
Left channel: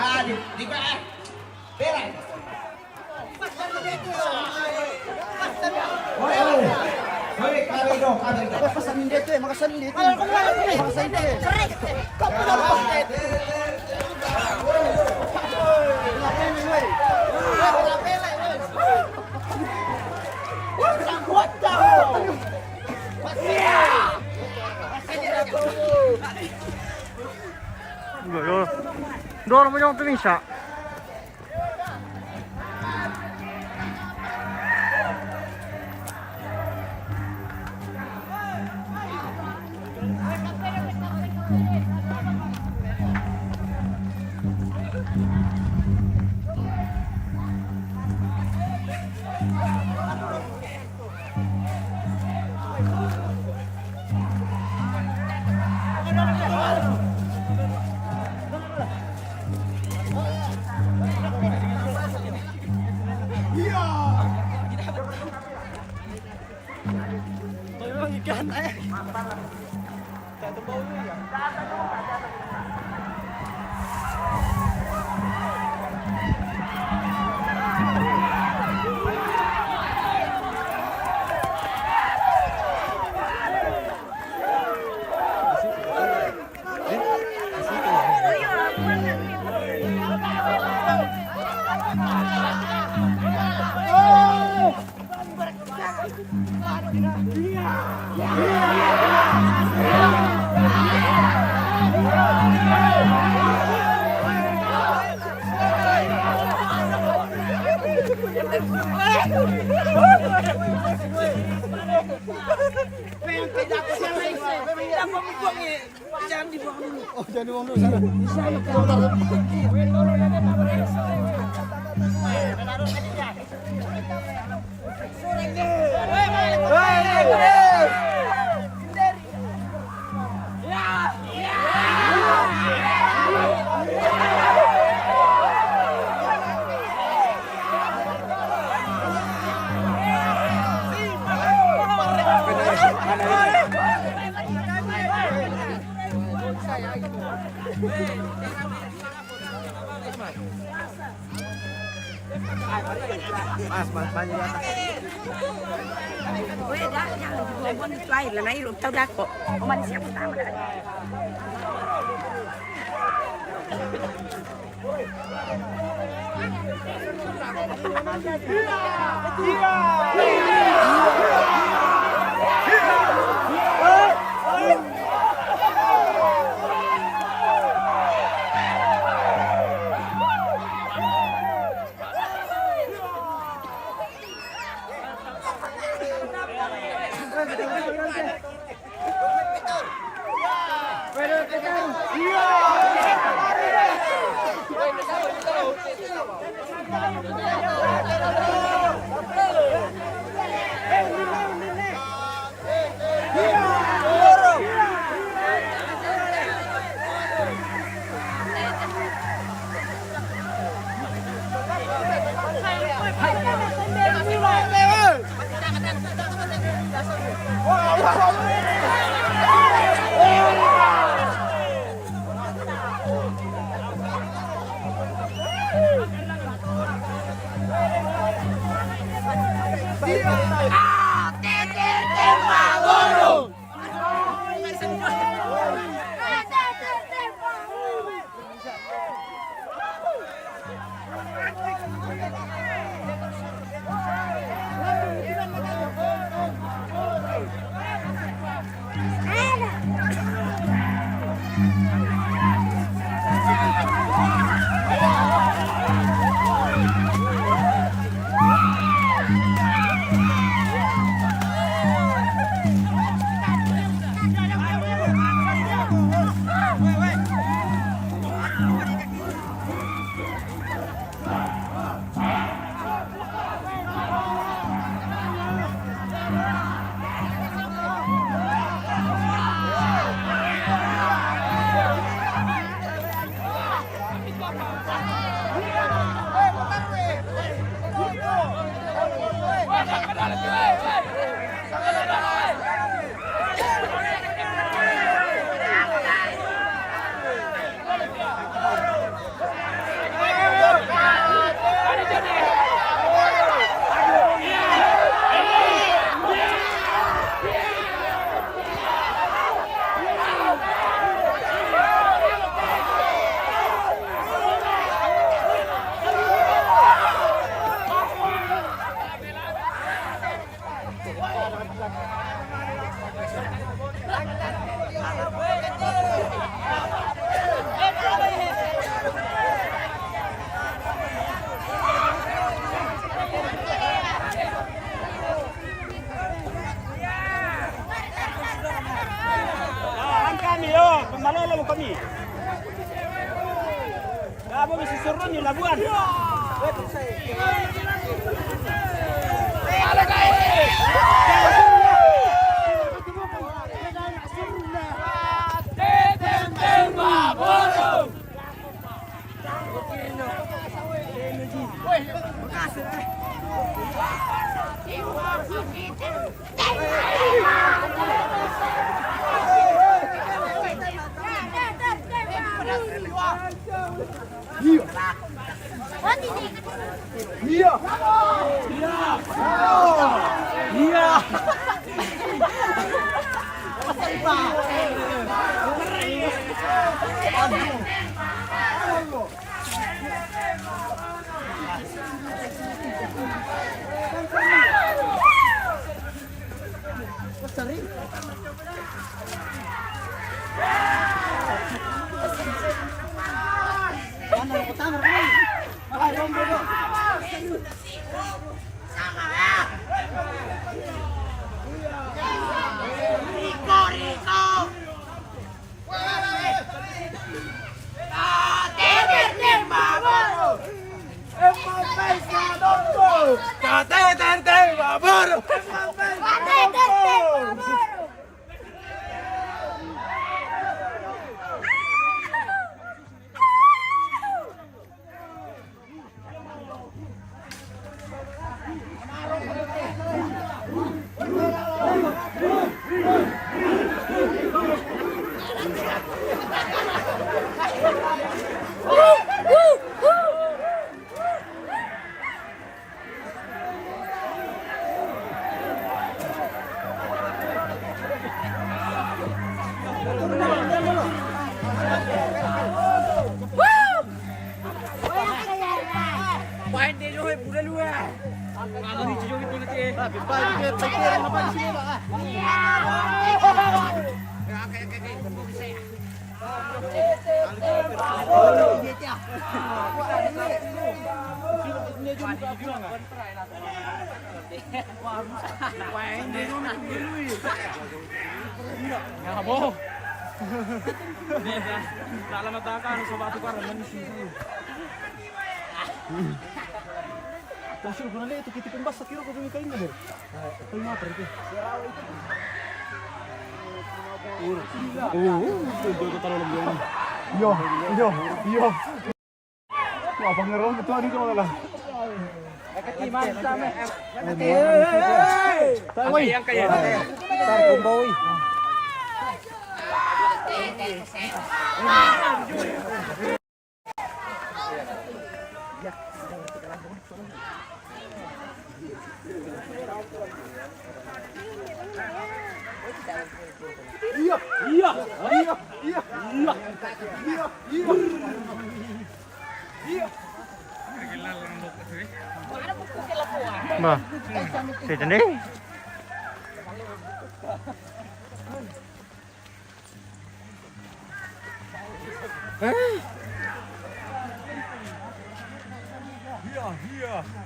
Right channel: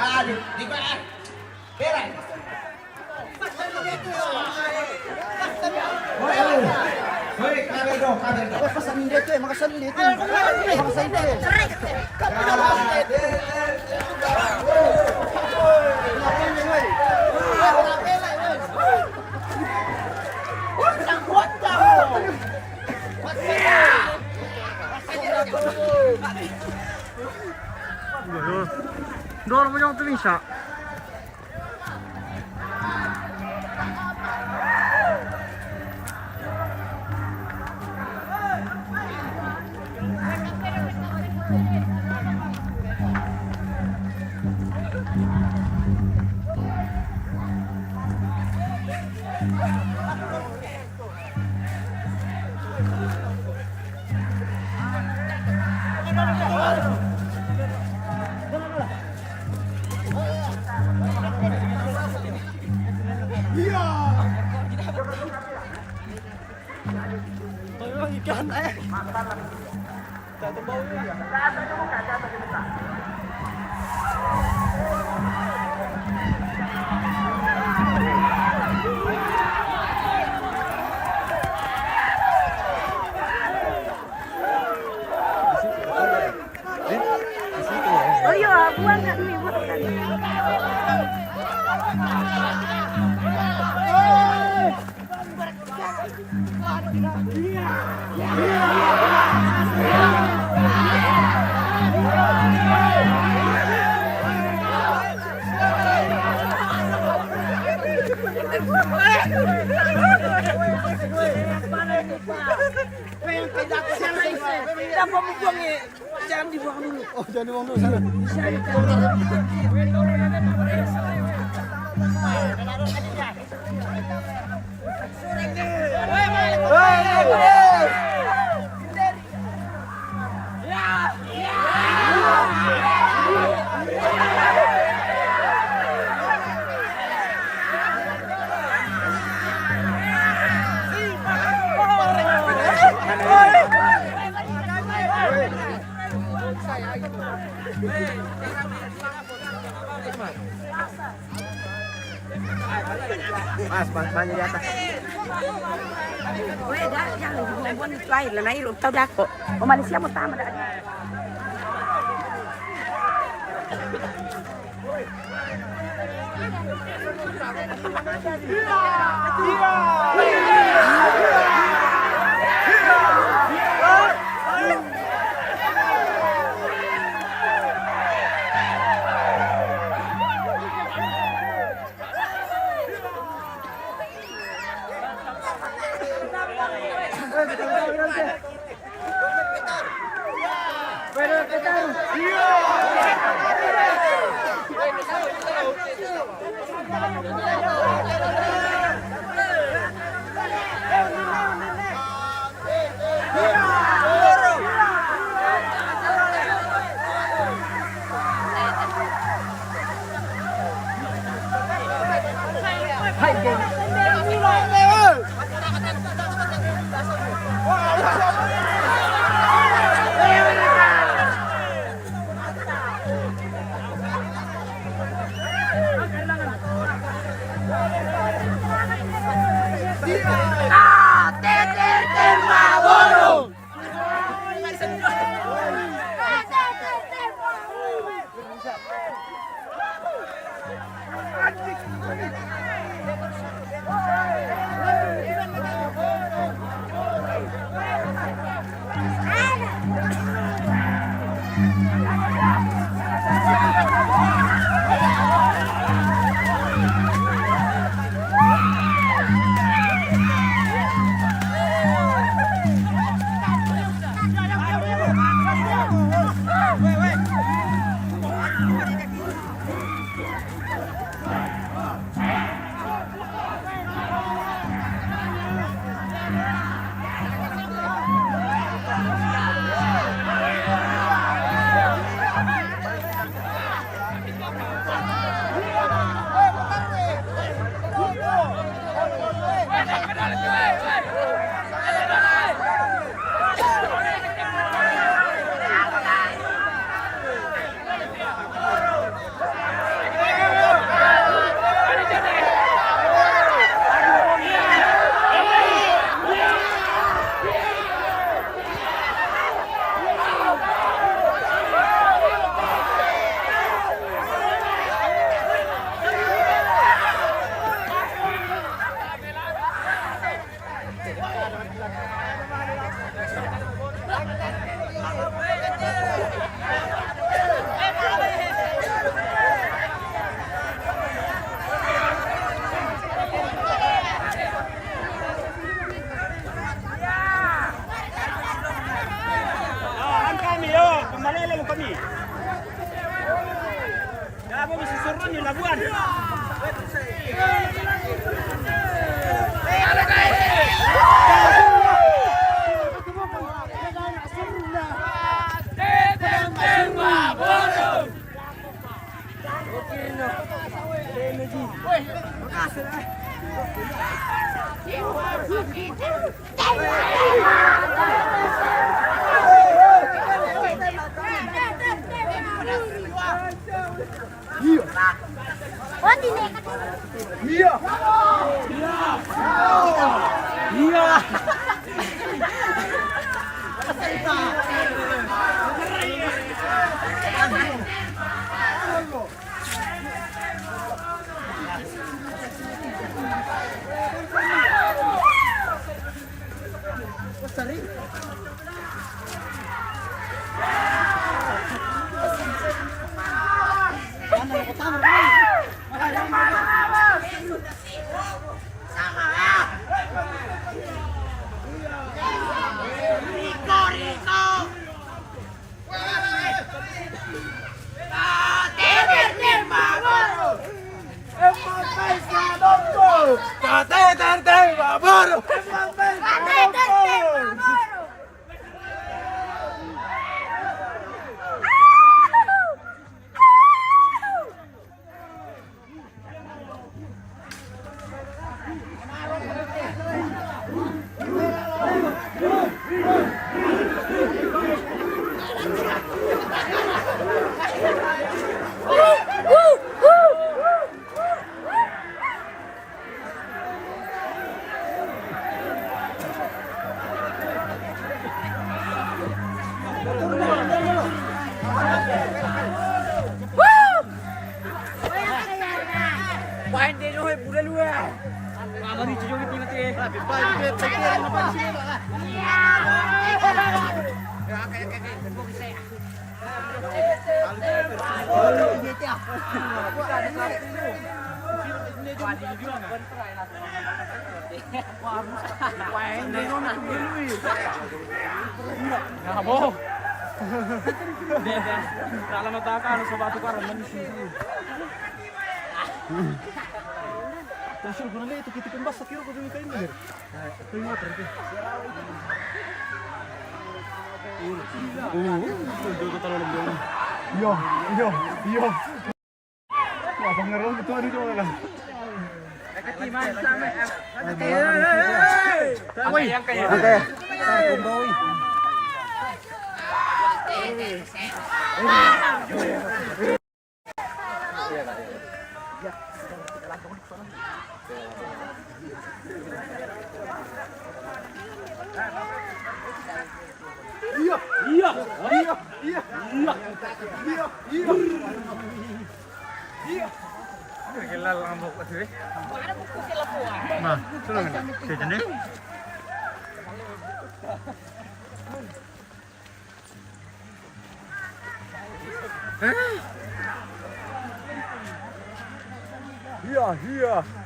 Ah, di ba? Beray. Hoy, kabel dong. Pasanin dito eh, makasanin dito. Makasanin dito eh. Kamu na ba? Doon mo yung tuming siya. Ikan eh. Tak bau ya. Oh iya, buang nggak nih? Jangan dibuang dulu. Oh, jangan dibuang dulu sana. Lain lah naik lu tahu dah kok. Manusia mau tamat dah. kami, oh, kemalolo kami. Ya, mau mesti surun di Labuan.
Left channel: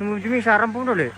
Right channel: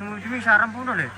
Ujungnya sarang pun dulu.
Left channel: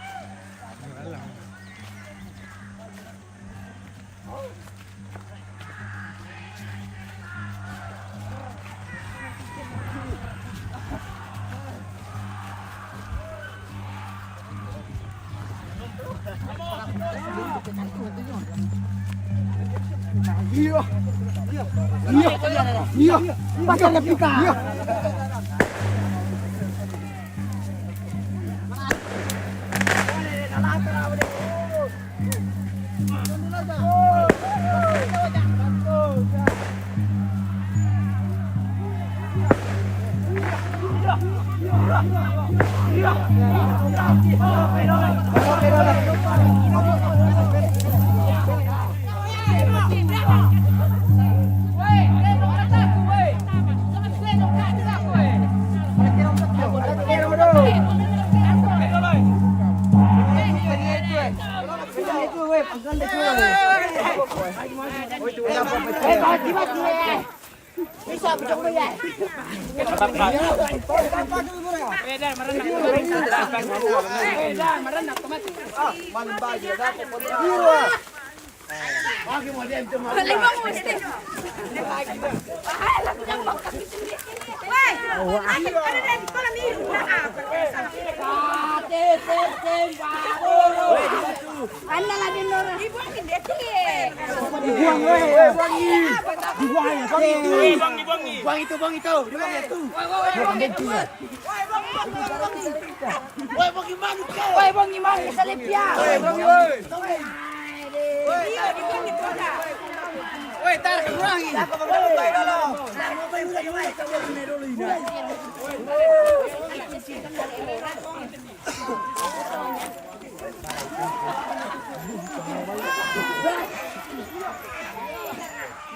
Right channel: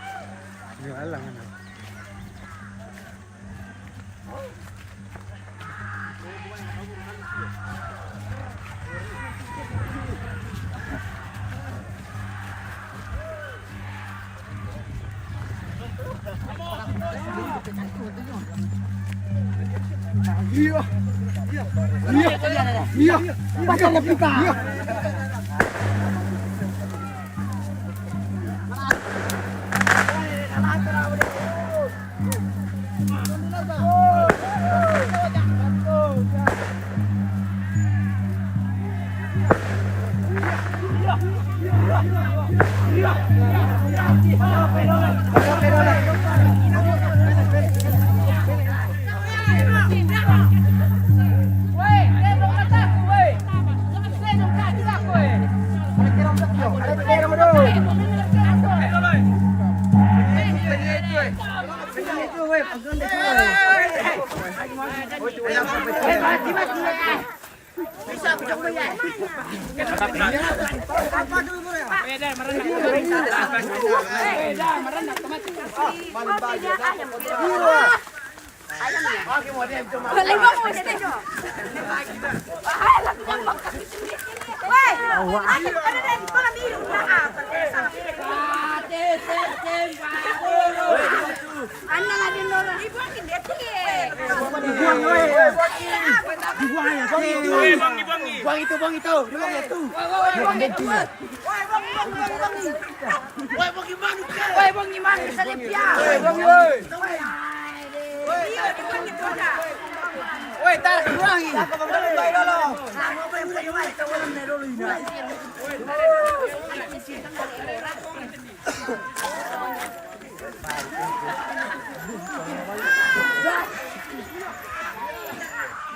Wala mo mo dito. Ay, alam ko nang magkakit. Wait. Ano na ito na mi? Ano na din no? Di ba hindi sige. Bang itu. Woi, bang gimana sa lepya? Woi, tarik buangi.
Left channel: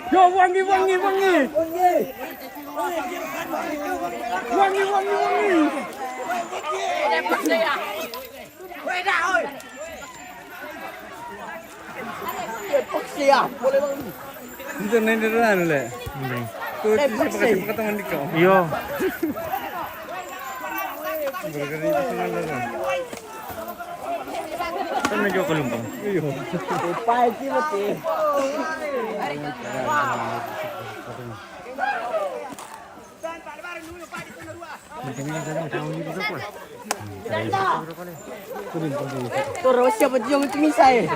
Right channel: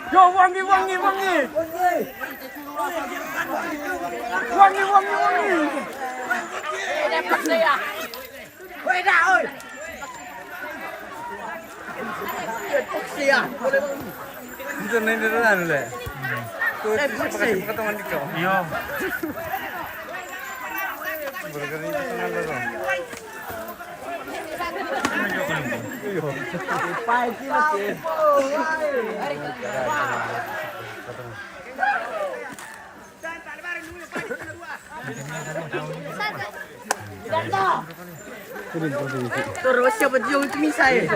Yo, wangi. Itu nanti dah le. Iyo. Terus siapa yang tumisai?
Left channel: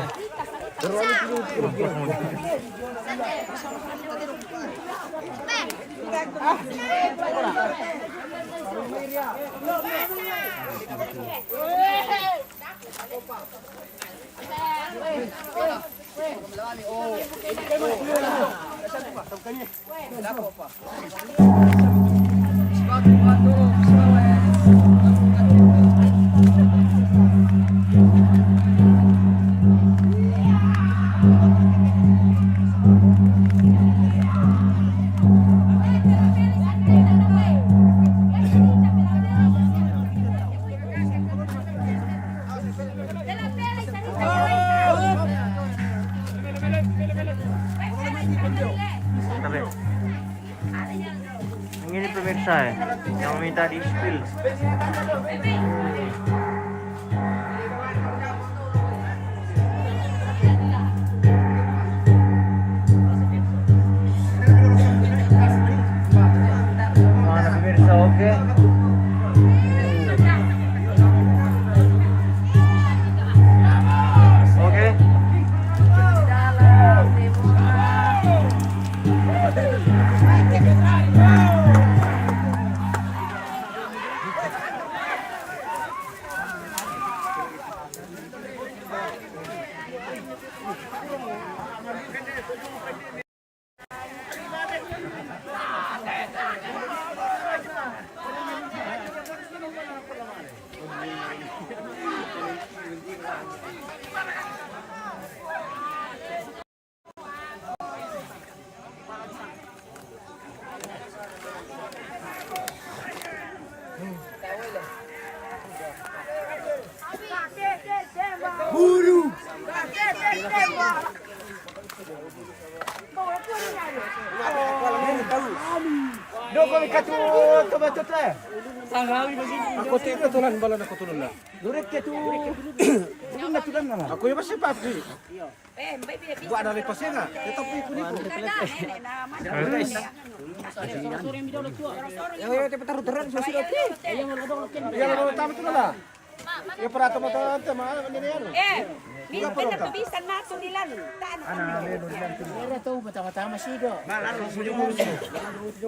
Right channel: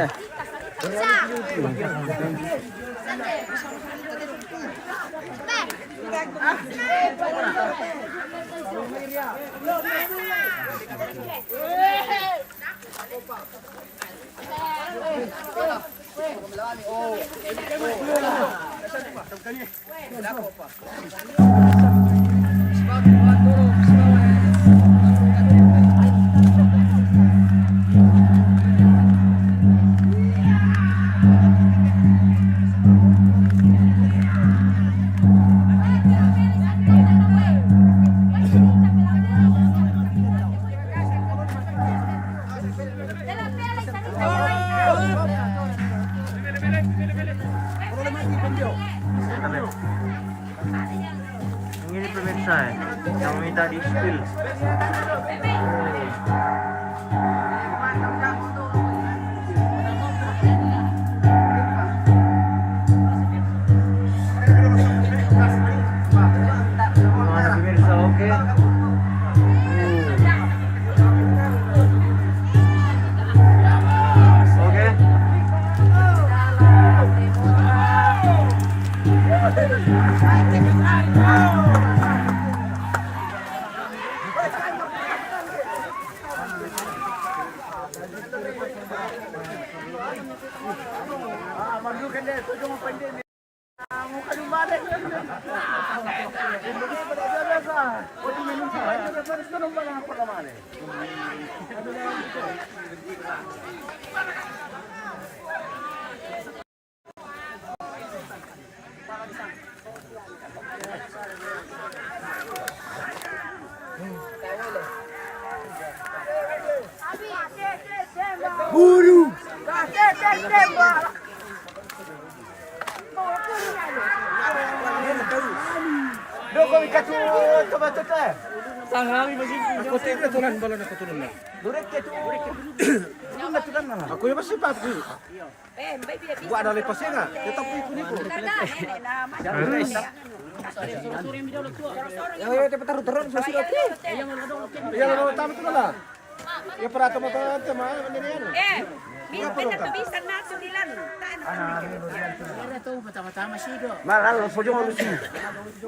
Ini pemirsa yang minta di spill. Pemirsa, oke. Aku tiga tulan balon aku tulan lah. Aku ya pasti pasti. Gua ada lepasnya nggak? Tetap ikut ikut. Yang cepat taruh terus sudah. Yang utama itu lah. Ya peraturan tema ini ya. pinagkabisan nato nila. Taan kami. Pero ito, matama-tama siya do. Malalo, sujo mo lusi.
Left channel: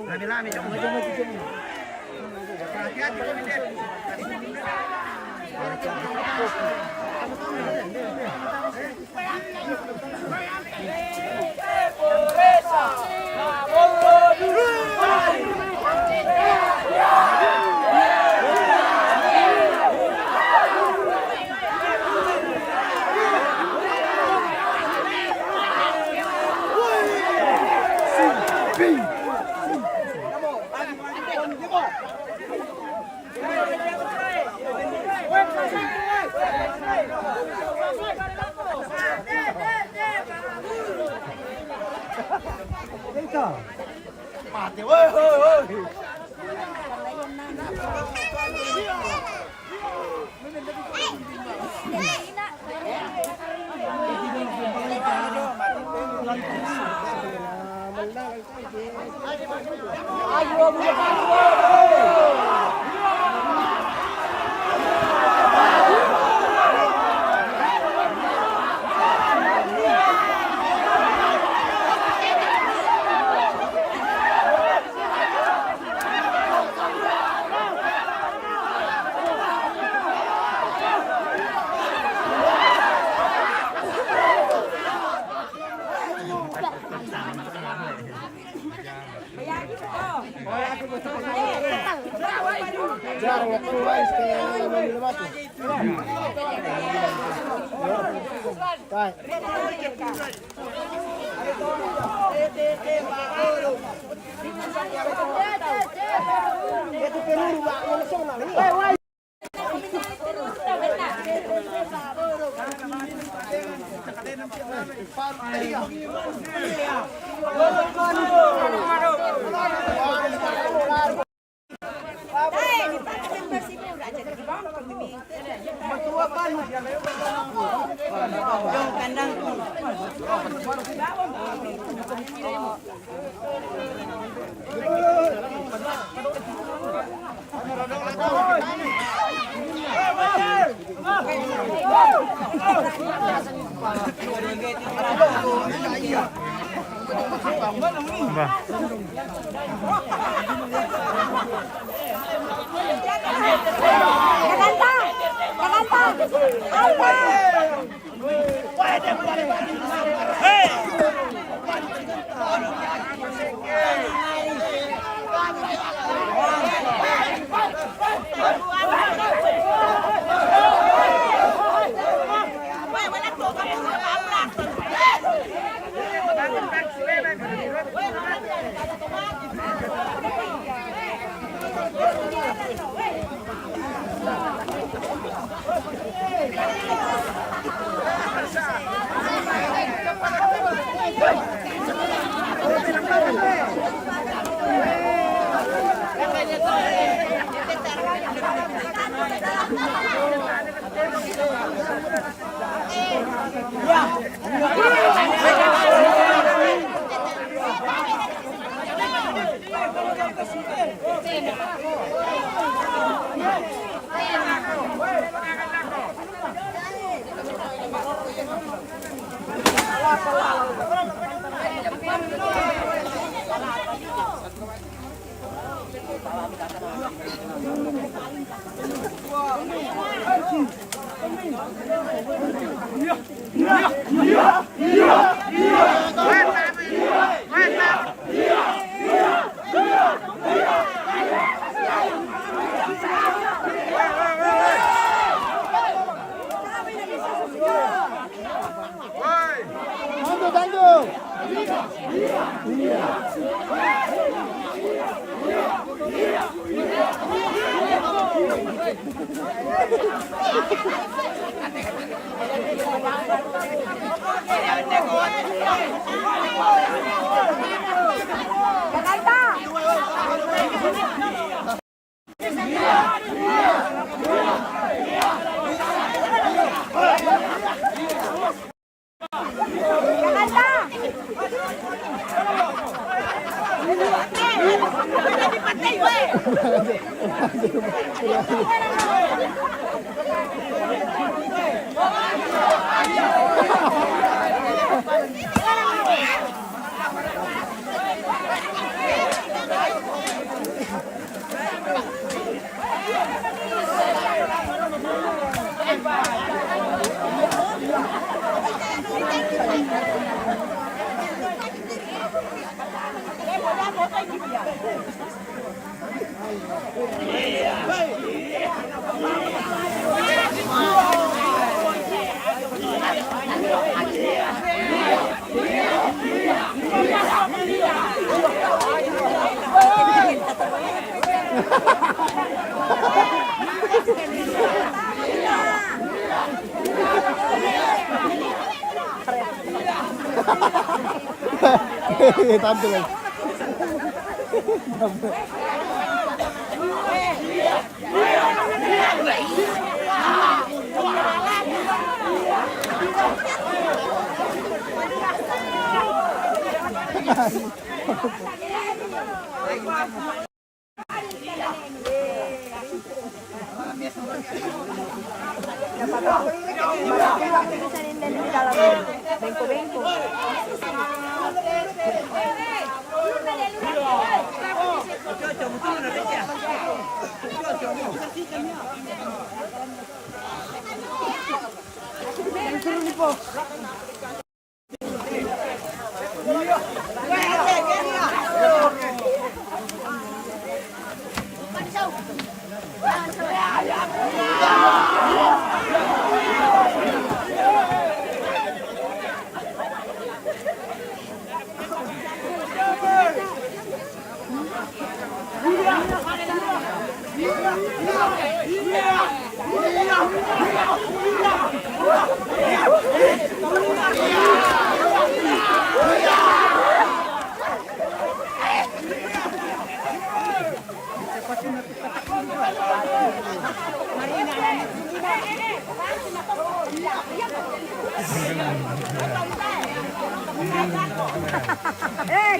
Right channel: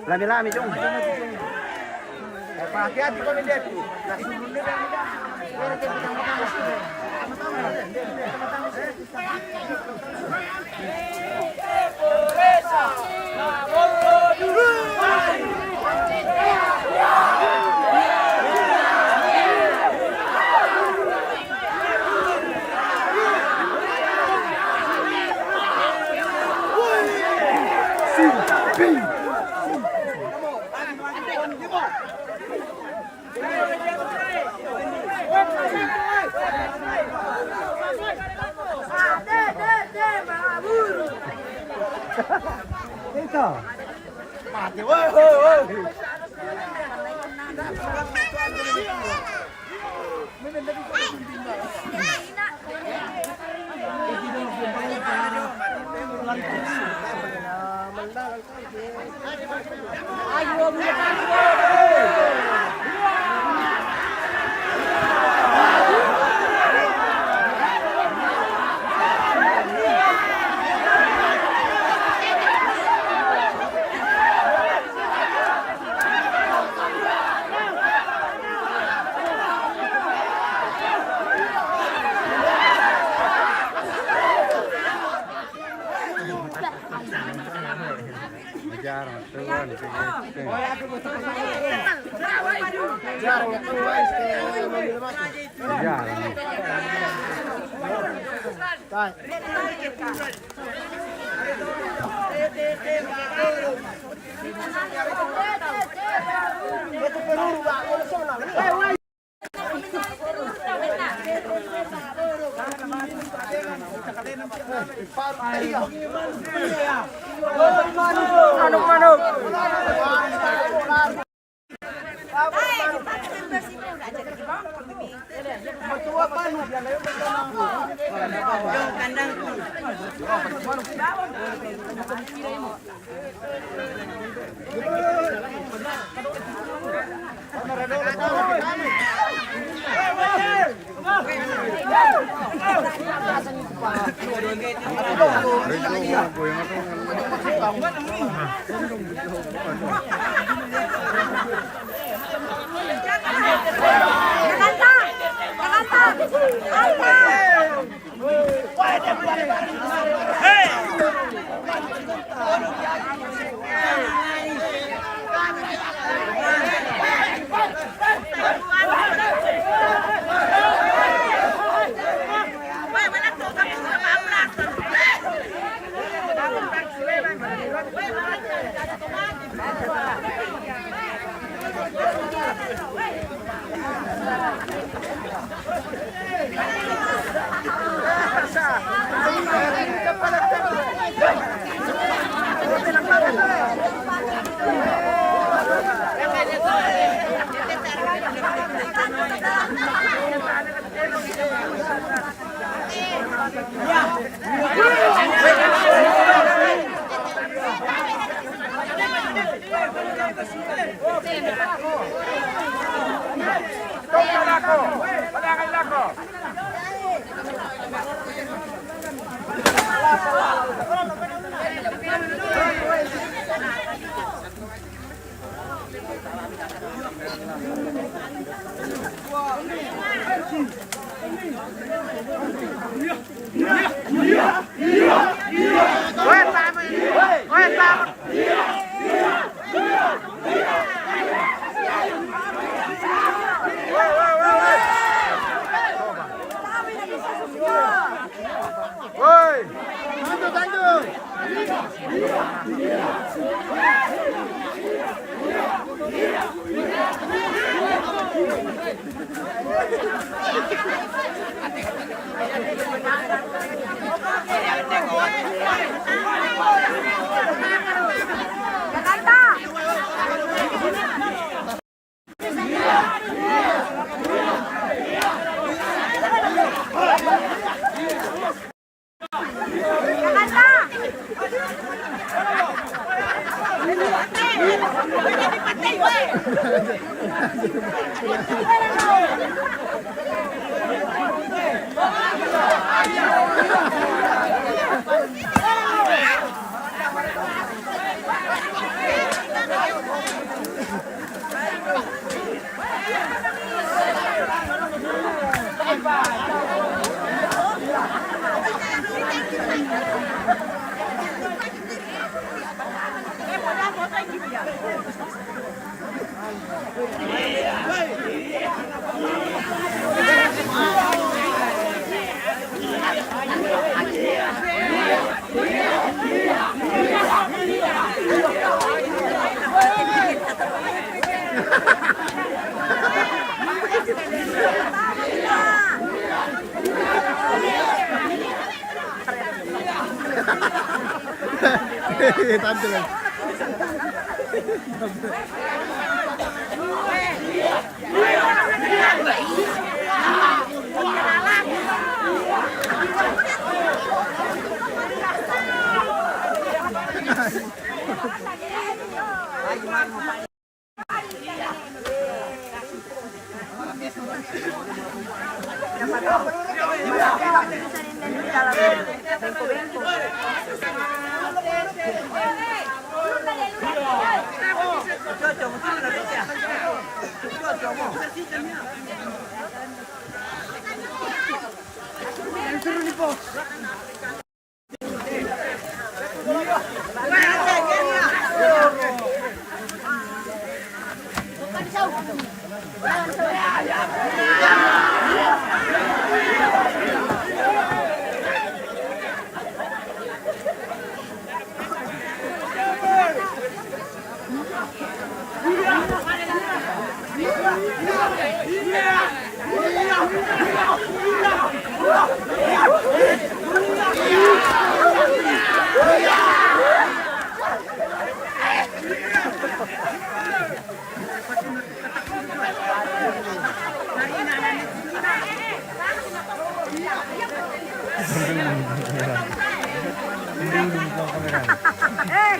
Lami-lami dong. Hati-hati kami dito.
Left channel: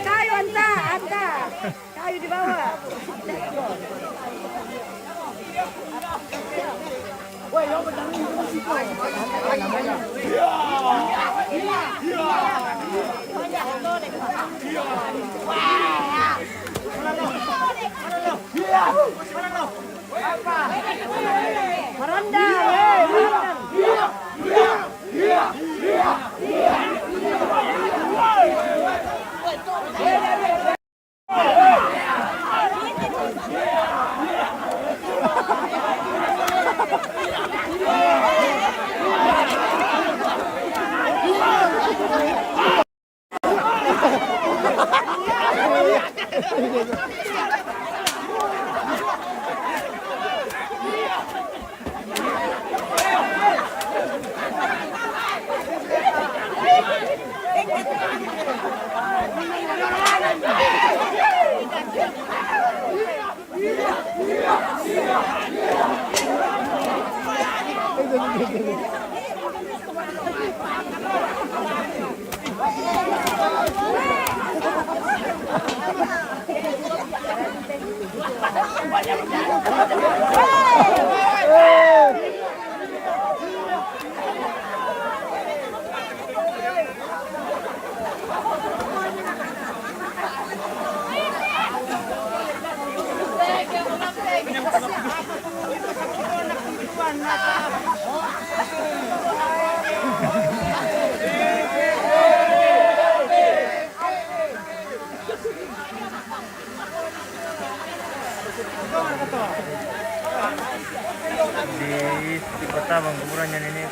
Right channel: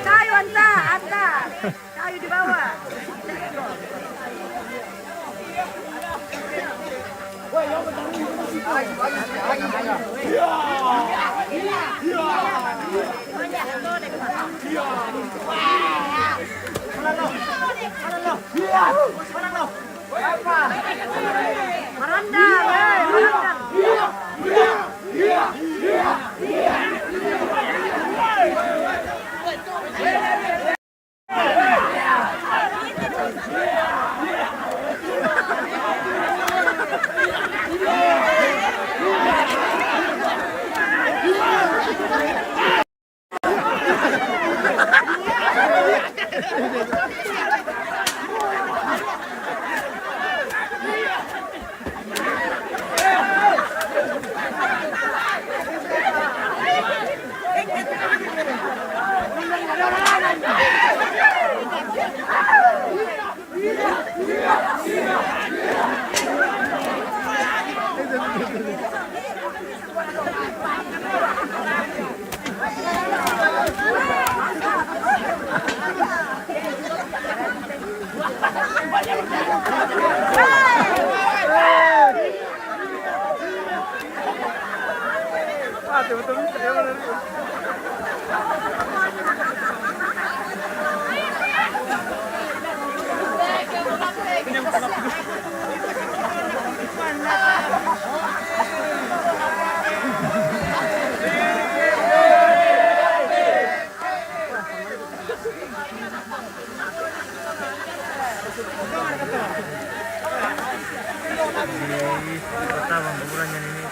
Kayu anta. Kayu di bawah. Di kota bang kuburannya ini.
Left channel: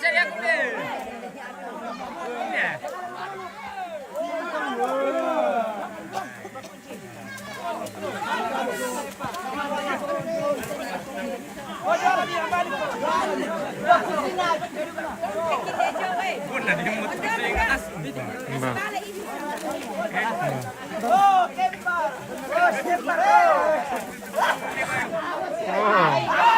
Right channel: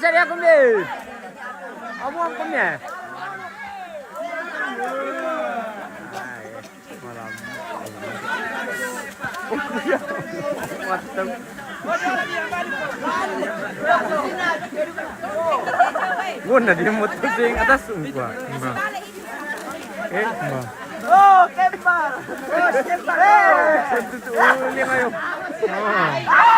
Sediakum deh. Kamu ya? Bunda dia mau yang atas sumpah. Mbak. Mbak. Oh, kempa. Ini kayo. Oh.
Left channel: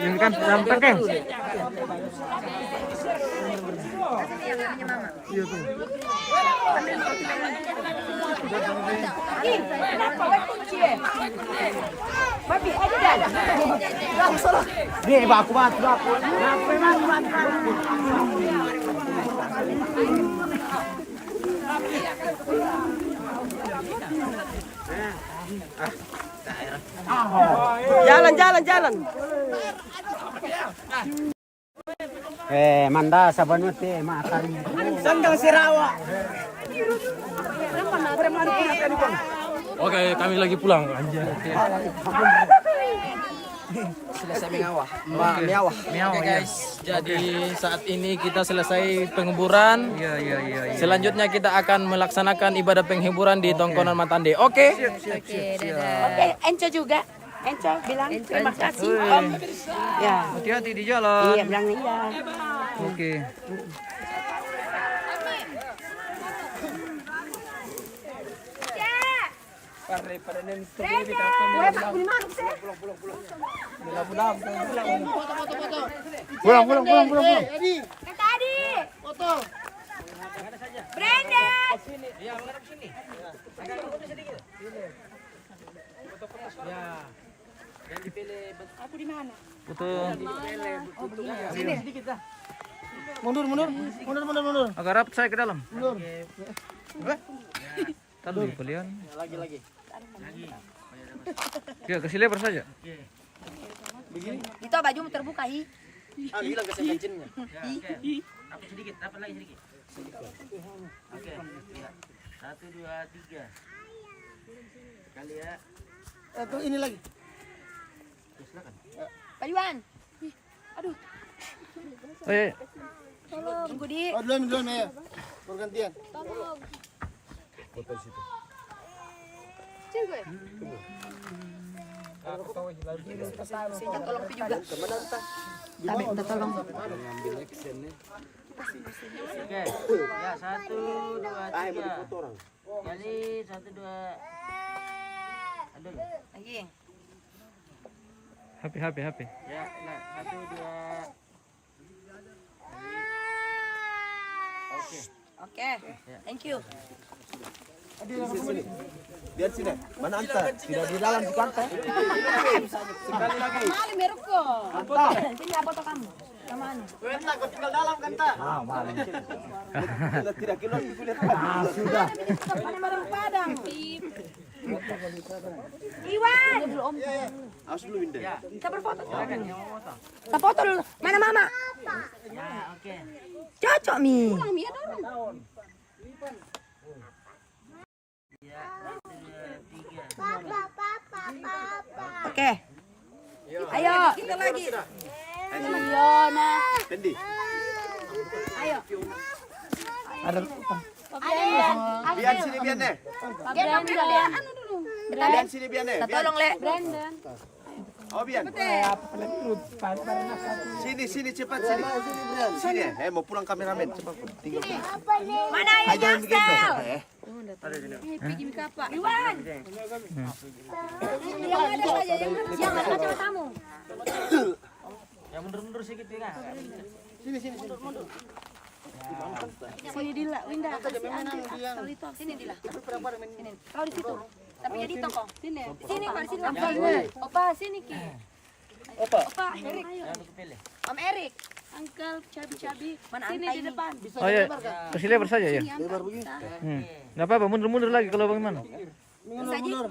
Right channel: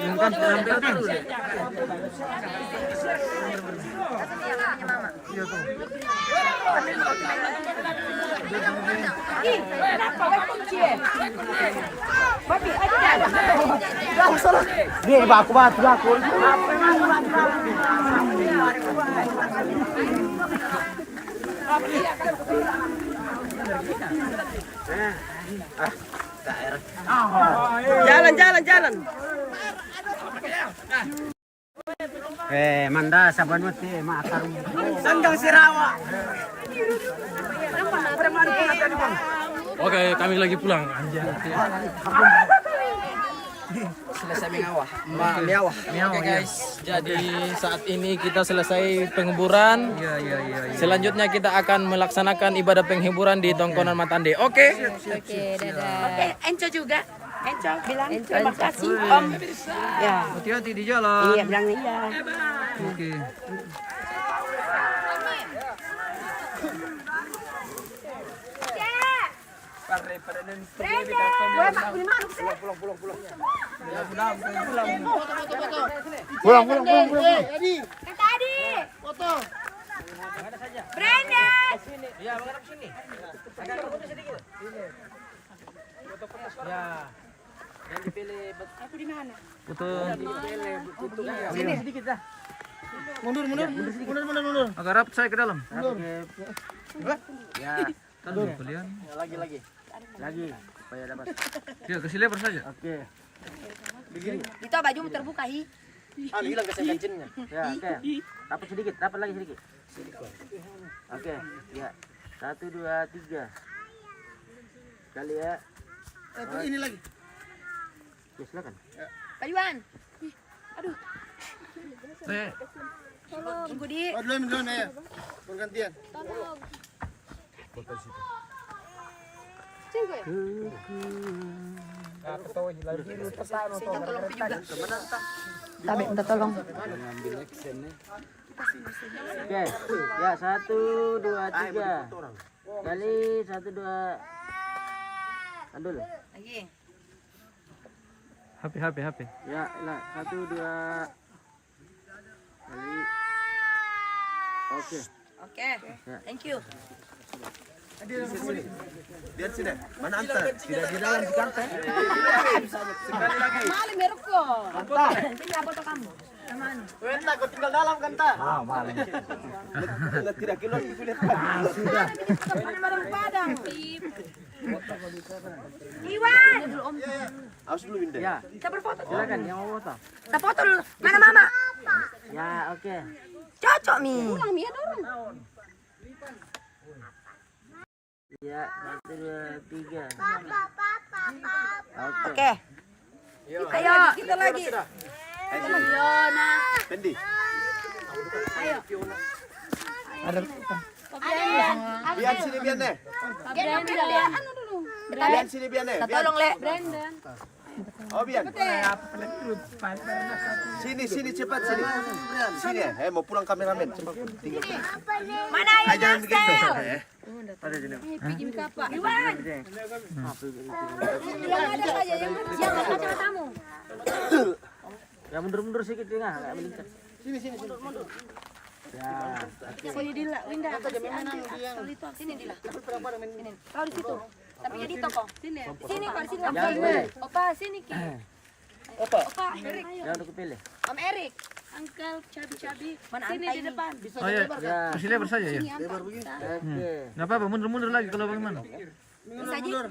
Ini kan yang penting. Kenapa? Wai kunci. Babi, aja dah. Dia baku banget. Jalan. Manda saban mati makan. Sanggang Sirawa. Oke, kami lagi pulang. Selesai miawah. Oke guys, jadi saat ini kita selesai penghiburan. Selanjutnya kita akan melaksanakan ibadah penghiburan di Tongkonan Matande. Oke. Oke, dadah. Oke, Enco juga. Enco bilang terima kasih Om. Ya. Hati-hati di jalan. Iya, bilang iya. Oke. Pulang. Kan tadi. Foto. Brandon. Ya, menghadap sini. Ya. Yang dipilih Aku di mana? Foto. sini sedikit dah. Mundur. Agak rapat saya ke dalam. Ya, Tahu kalian. lagi. Supaya dapat. Ya, kasih lebar saja. Oke. Itu bajumu terbuka, hi. Hilang kesan kancinnya. Ya, oke. Dapat lagi sedikit. Oke, ya. 1 2 3. Sekali ya. Ini lagi. Ya, silakan. Pak Iwan. Ih, aduh, tunggu di. Belum ya. Pergantian. Cewek. Saya tolong Pi juga. Tapi minta tolong. Oke. Ya, 1 2 3. Sekali 1 2. Andul. Lagi. HP. Ya, nah 1 2. Kali. Oke. Oke. Thank you. Biar sini. Mana antar? Tidak di dalam si kanta. Sekali lagi. Maling meroko. Sini foto kamu. Sama anu. Kanta, kau tinggal dalam kanta. Maling. Tidak keluar kulit. Sudah. Mana barang Padang. Iwan. Awas dulu Winda. Ya, Kita berfoto. silakan yang mau foto. Kita foto dulu. Mana Mama? Ya, oke. Cocok Mi. Pulang Mi ya dorong. Ya, 1 2 3. Oke. Ayo, kita lagi. Ayo, nah. Pendi. Ayo. Ada Biar sini biar nih. Biar anu dulu. Biar sini biar nih. Kita tolong Le. Brandon. Oh biar. Sini cepat sini. Sini mau pulang kameramen cepat tinggal. Mana ya Jangan begitu. Pergi apa? Iwan. Yang ada saja yang ada kacamatamu. Ya, mundur sedikit ya. Mundur. Sini Dila, Winda. Sini Dila. Sini. Kau di situ. Tapi jadi toko. Sini. Sini Pak, sini. Opa, sini Ki. Opa, Erik. Yang udah kepilih. Om Erik. Uncle cabi-cabi. Mana sini di depan. Oh ya, kasih lebar saja ya. Nggak apa-apa, mundur lagi kalau bagaimana. Bisa aja.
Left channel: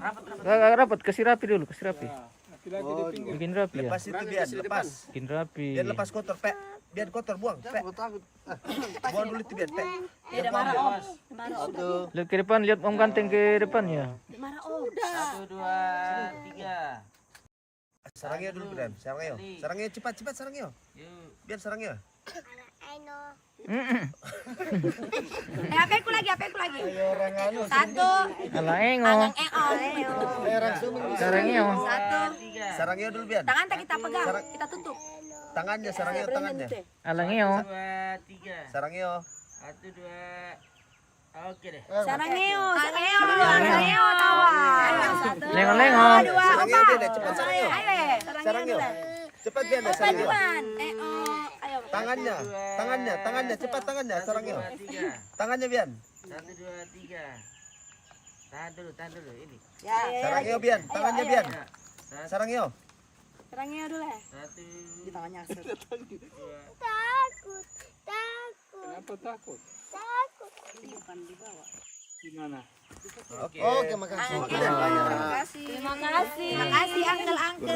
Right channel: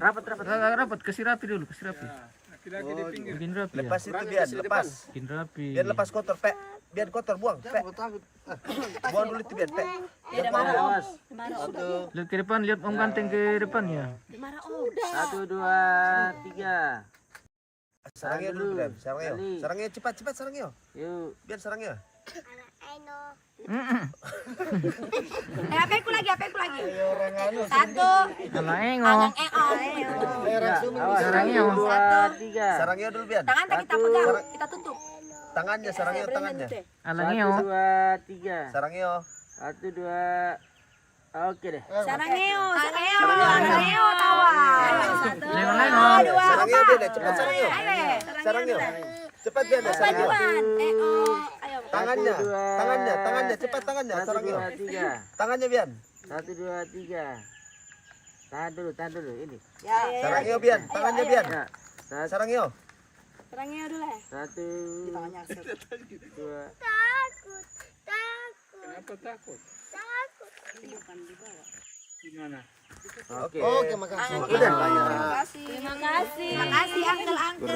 Rapat, kasih rapi dulu, kasih rapi. Bikin rapi ya. Lepas itu biar lepas. Bikin rapi. Biar lepas kotor Pe. Biar kotor buang Pe. Buang dulu itu biar Pe. Tidak marah Om. Marah Om. Lihat ke depan, lihat Om ganteng ke depan ya. Marah Om. 1 2 3. Sarangnya dulu, Bian. Sarangnya. Sarangnya cepat sarangnya. Yuk. Biar sarangnya. Aku lagi. Ayo orang anu. Satu. Alangengo. Ayo orang Sumeng. Sarangnya. Satu. Sarangnya dulu, Bian. Tangan kita pegang, kita tutup. Tangannya, sarangnya, tangannya. Alangeo. 1, 2, 3. Sarangnya. 1, 2. Oke deh. Sarangeo tawa. Satu. Lengo. Dua. Sarangnya Bian, cepat sarangnya. Ayo. Sarangnya. Cepat Bian, sarangnya. Paduan. Ayo. Tangannya, cepat tangannya, sarangnya. 3. Tangannya Bian. 1, 2, 3. Tahan dulu ini. Ya. Sarangnya Bian, tangannya Bian. Ya. Sarangnya. Sarangeo dulu. 1, Di tangannya. 2. Oke, makasih. Terima kasih Uncle.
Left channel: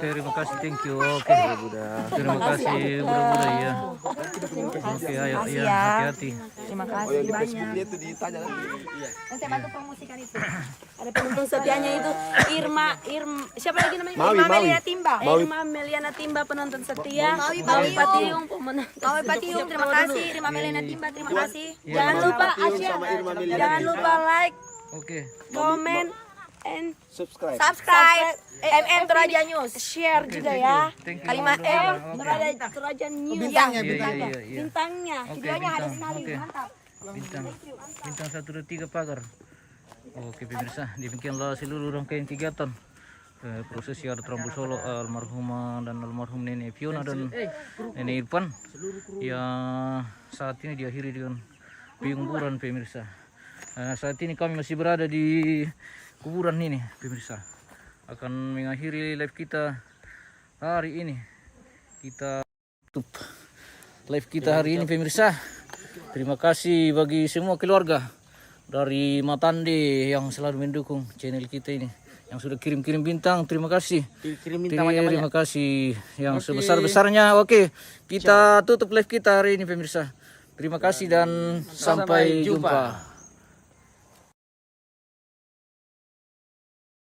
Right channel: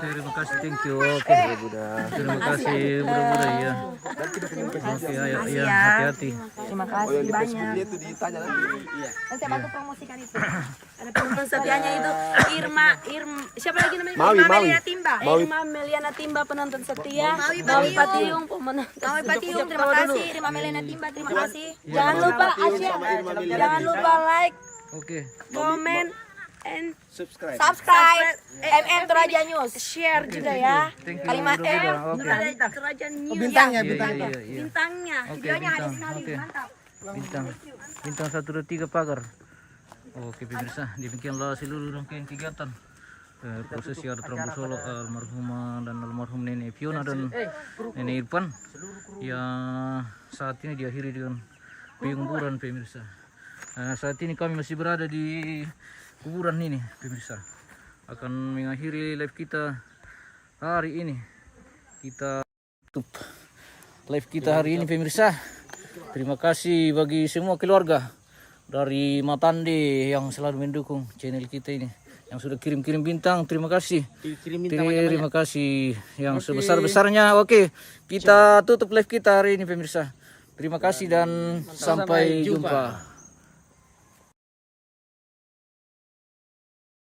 Terima kasih, thank you. Oke, terima kasih, Bro ya. Oke, ayo, ya, hati-hati. Terima kasih banyak. Dia tuh ditanya nanti. Nanti bantu promosikan itu. Ada penonton setianya itu Irma, siapa lagi namanya? Mawi. Meliana Timba. Irma Meliana Timba penonton setia. Mawi Patiung pemenonton. Mawi Patiung, terima kasih. Irma Meliana Timba, terima kasih. Jangan lupa Asia. Jangan lupa like, Oke. comment, and Subscribe. subscribe MM Toraja News. Share juga ya. Thank you, Kalimat Bro. M Oke. Toraja News. Iya. Bintangnya. Oke, Videonya ada bintang. sekali. Oke. Mantap. Bintang 1, 2, 3 pagar. Oke pemirsa, demikianlah seluruh rangkaian kegiatan prosesi Adat Rambu Solo almarhumah dan almarhum Nenek Fiona dan Nenek Irfan yang saat ini diakhiri dengan penguburan pemirsa. Saat ini kami masih berada di kuburan ini pemirsa. Akan mengakhiri live kita hari ini. Kita tutup live kita hari ini pemirsa. Terima kasih bagi semua keluarga dari Matande yang selalu mendukung channel kita ini, yang sudah kirim-kirim bintang. Terima kasih. Terima kasih yang sebesar-besarnya. Oke, kita tutup live kita hari ini pemirsa. Terima kasih dan sampai jumpa.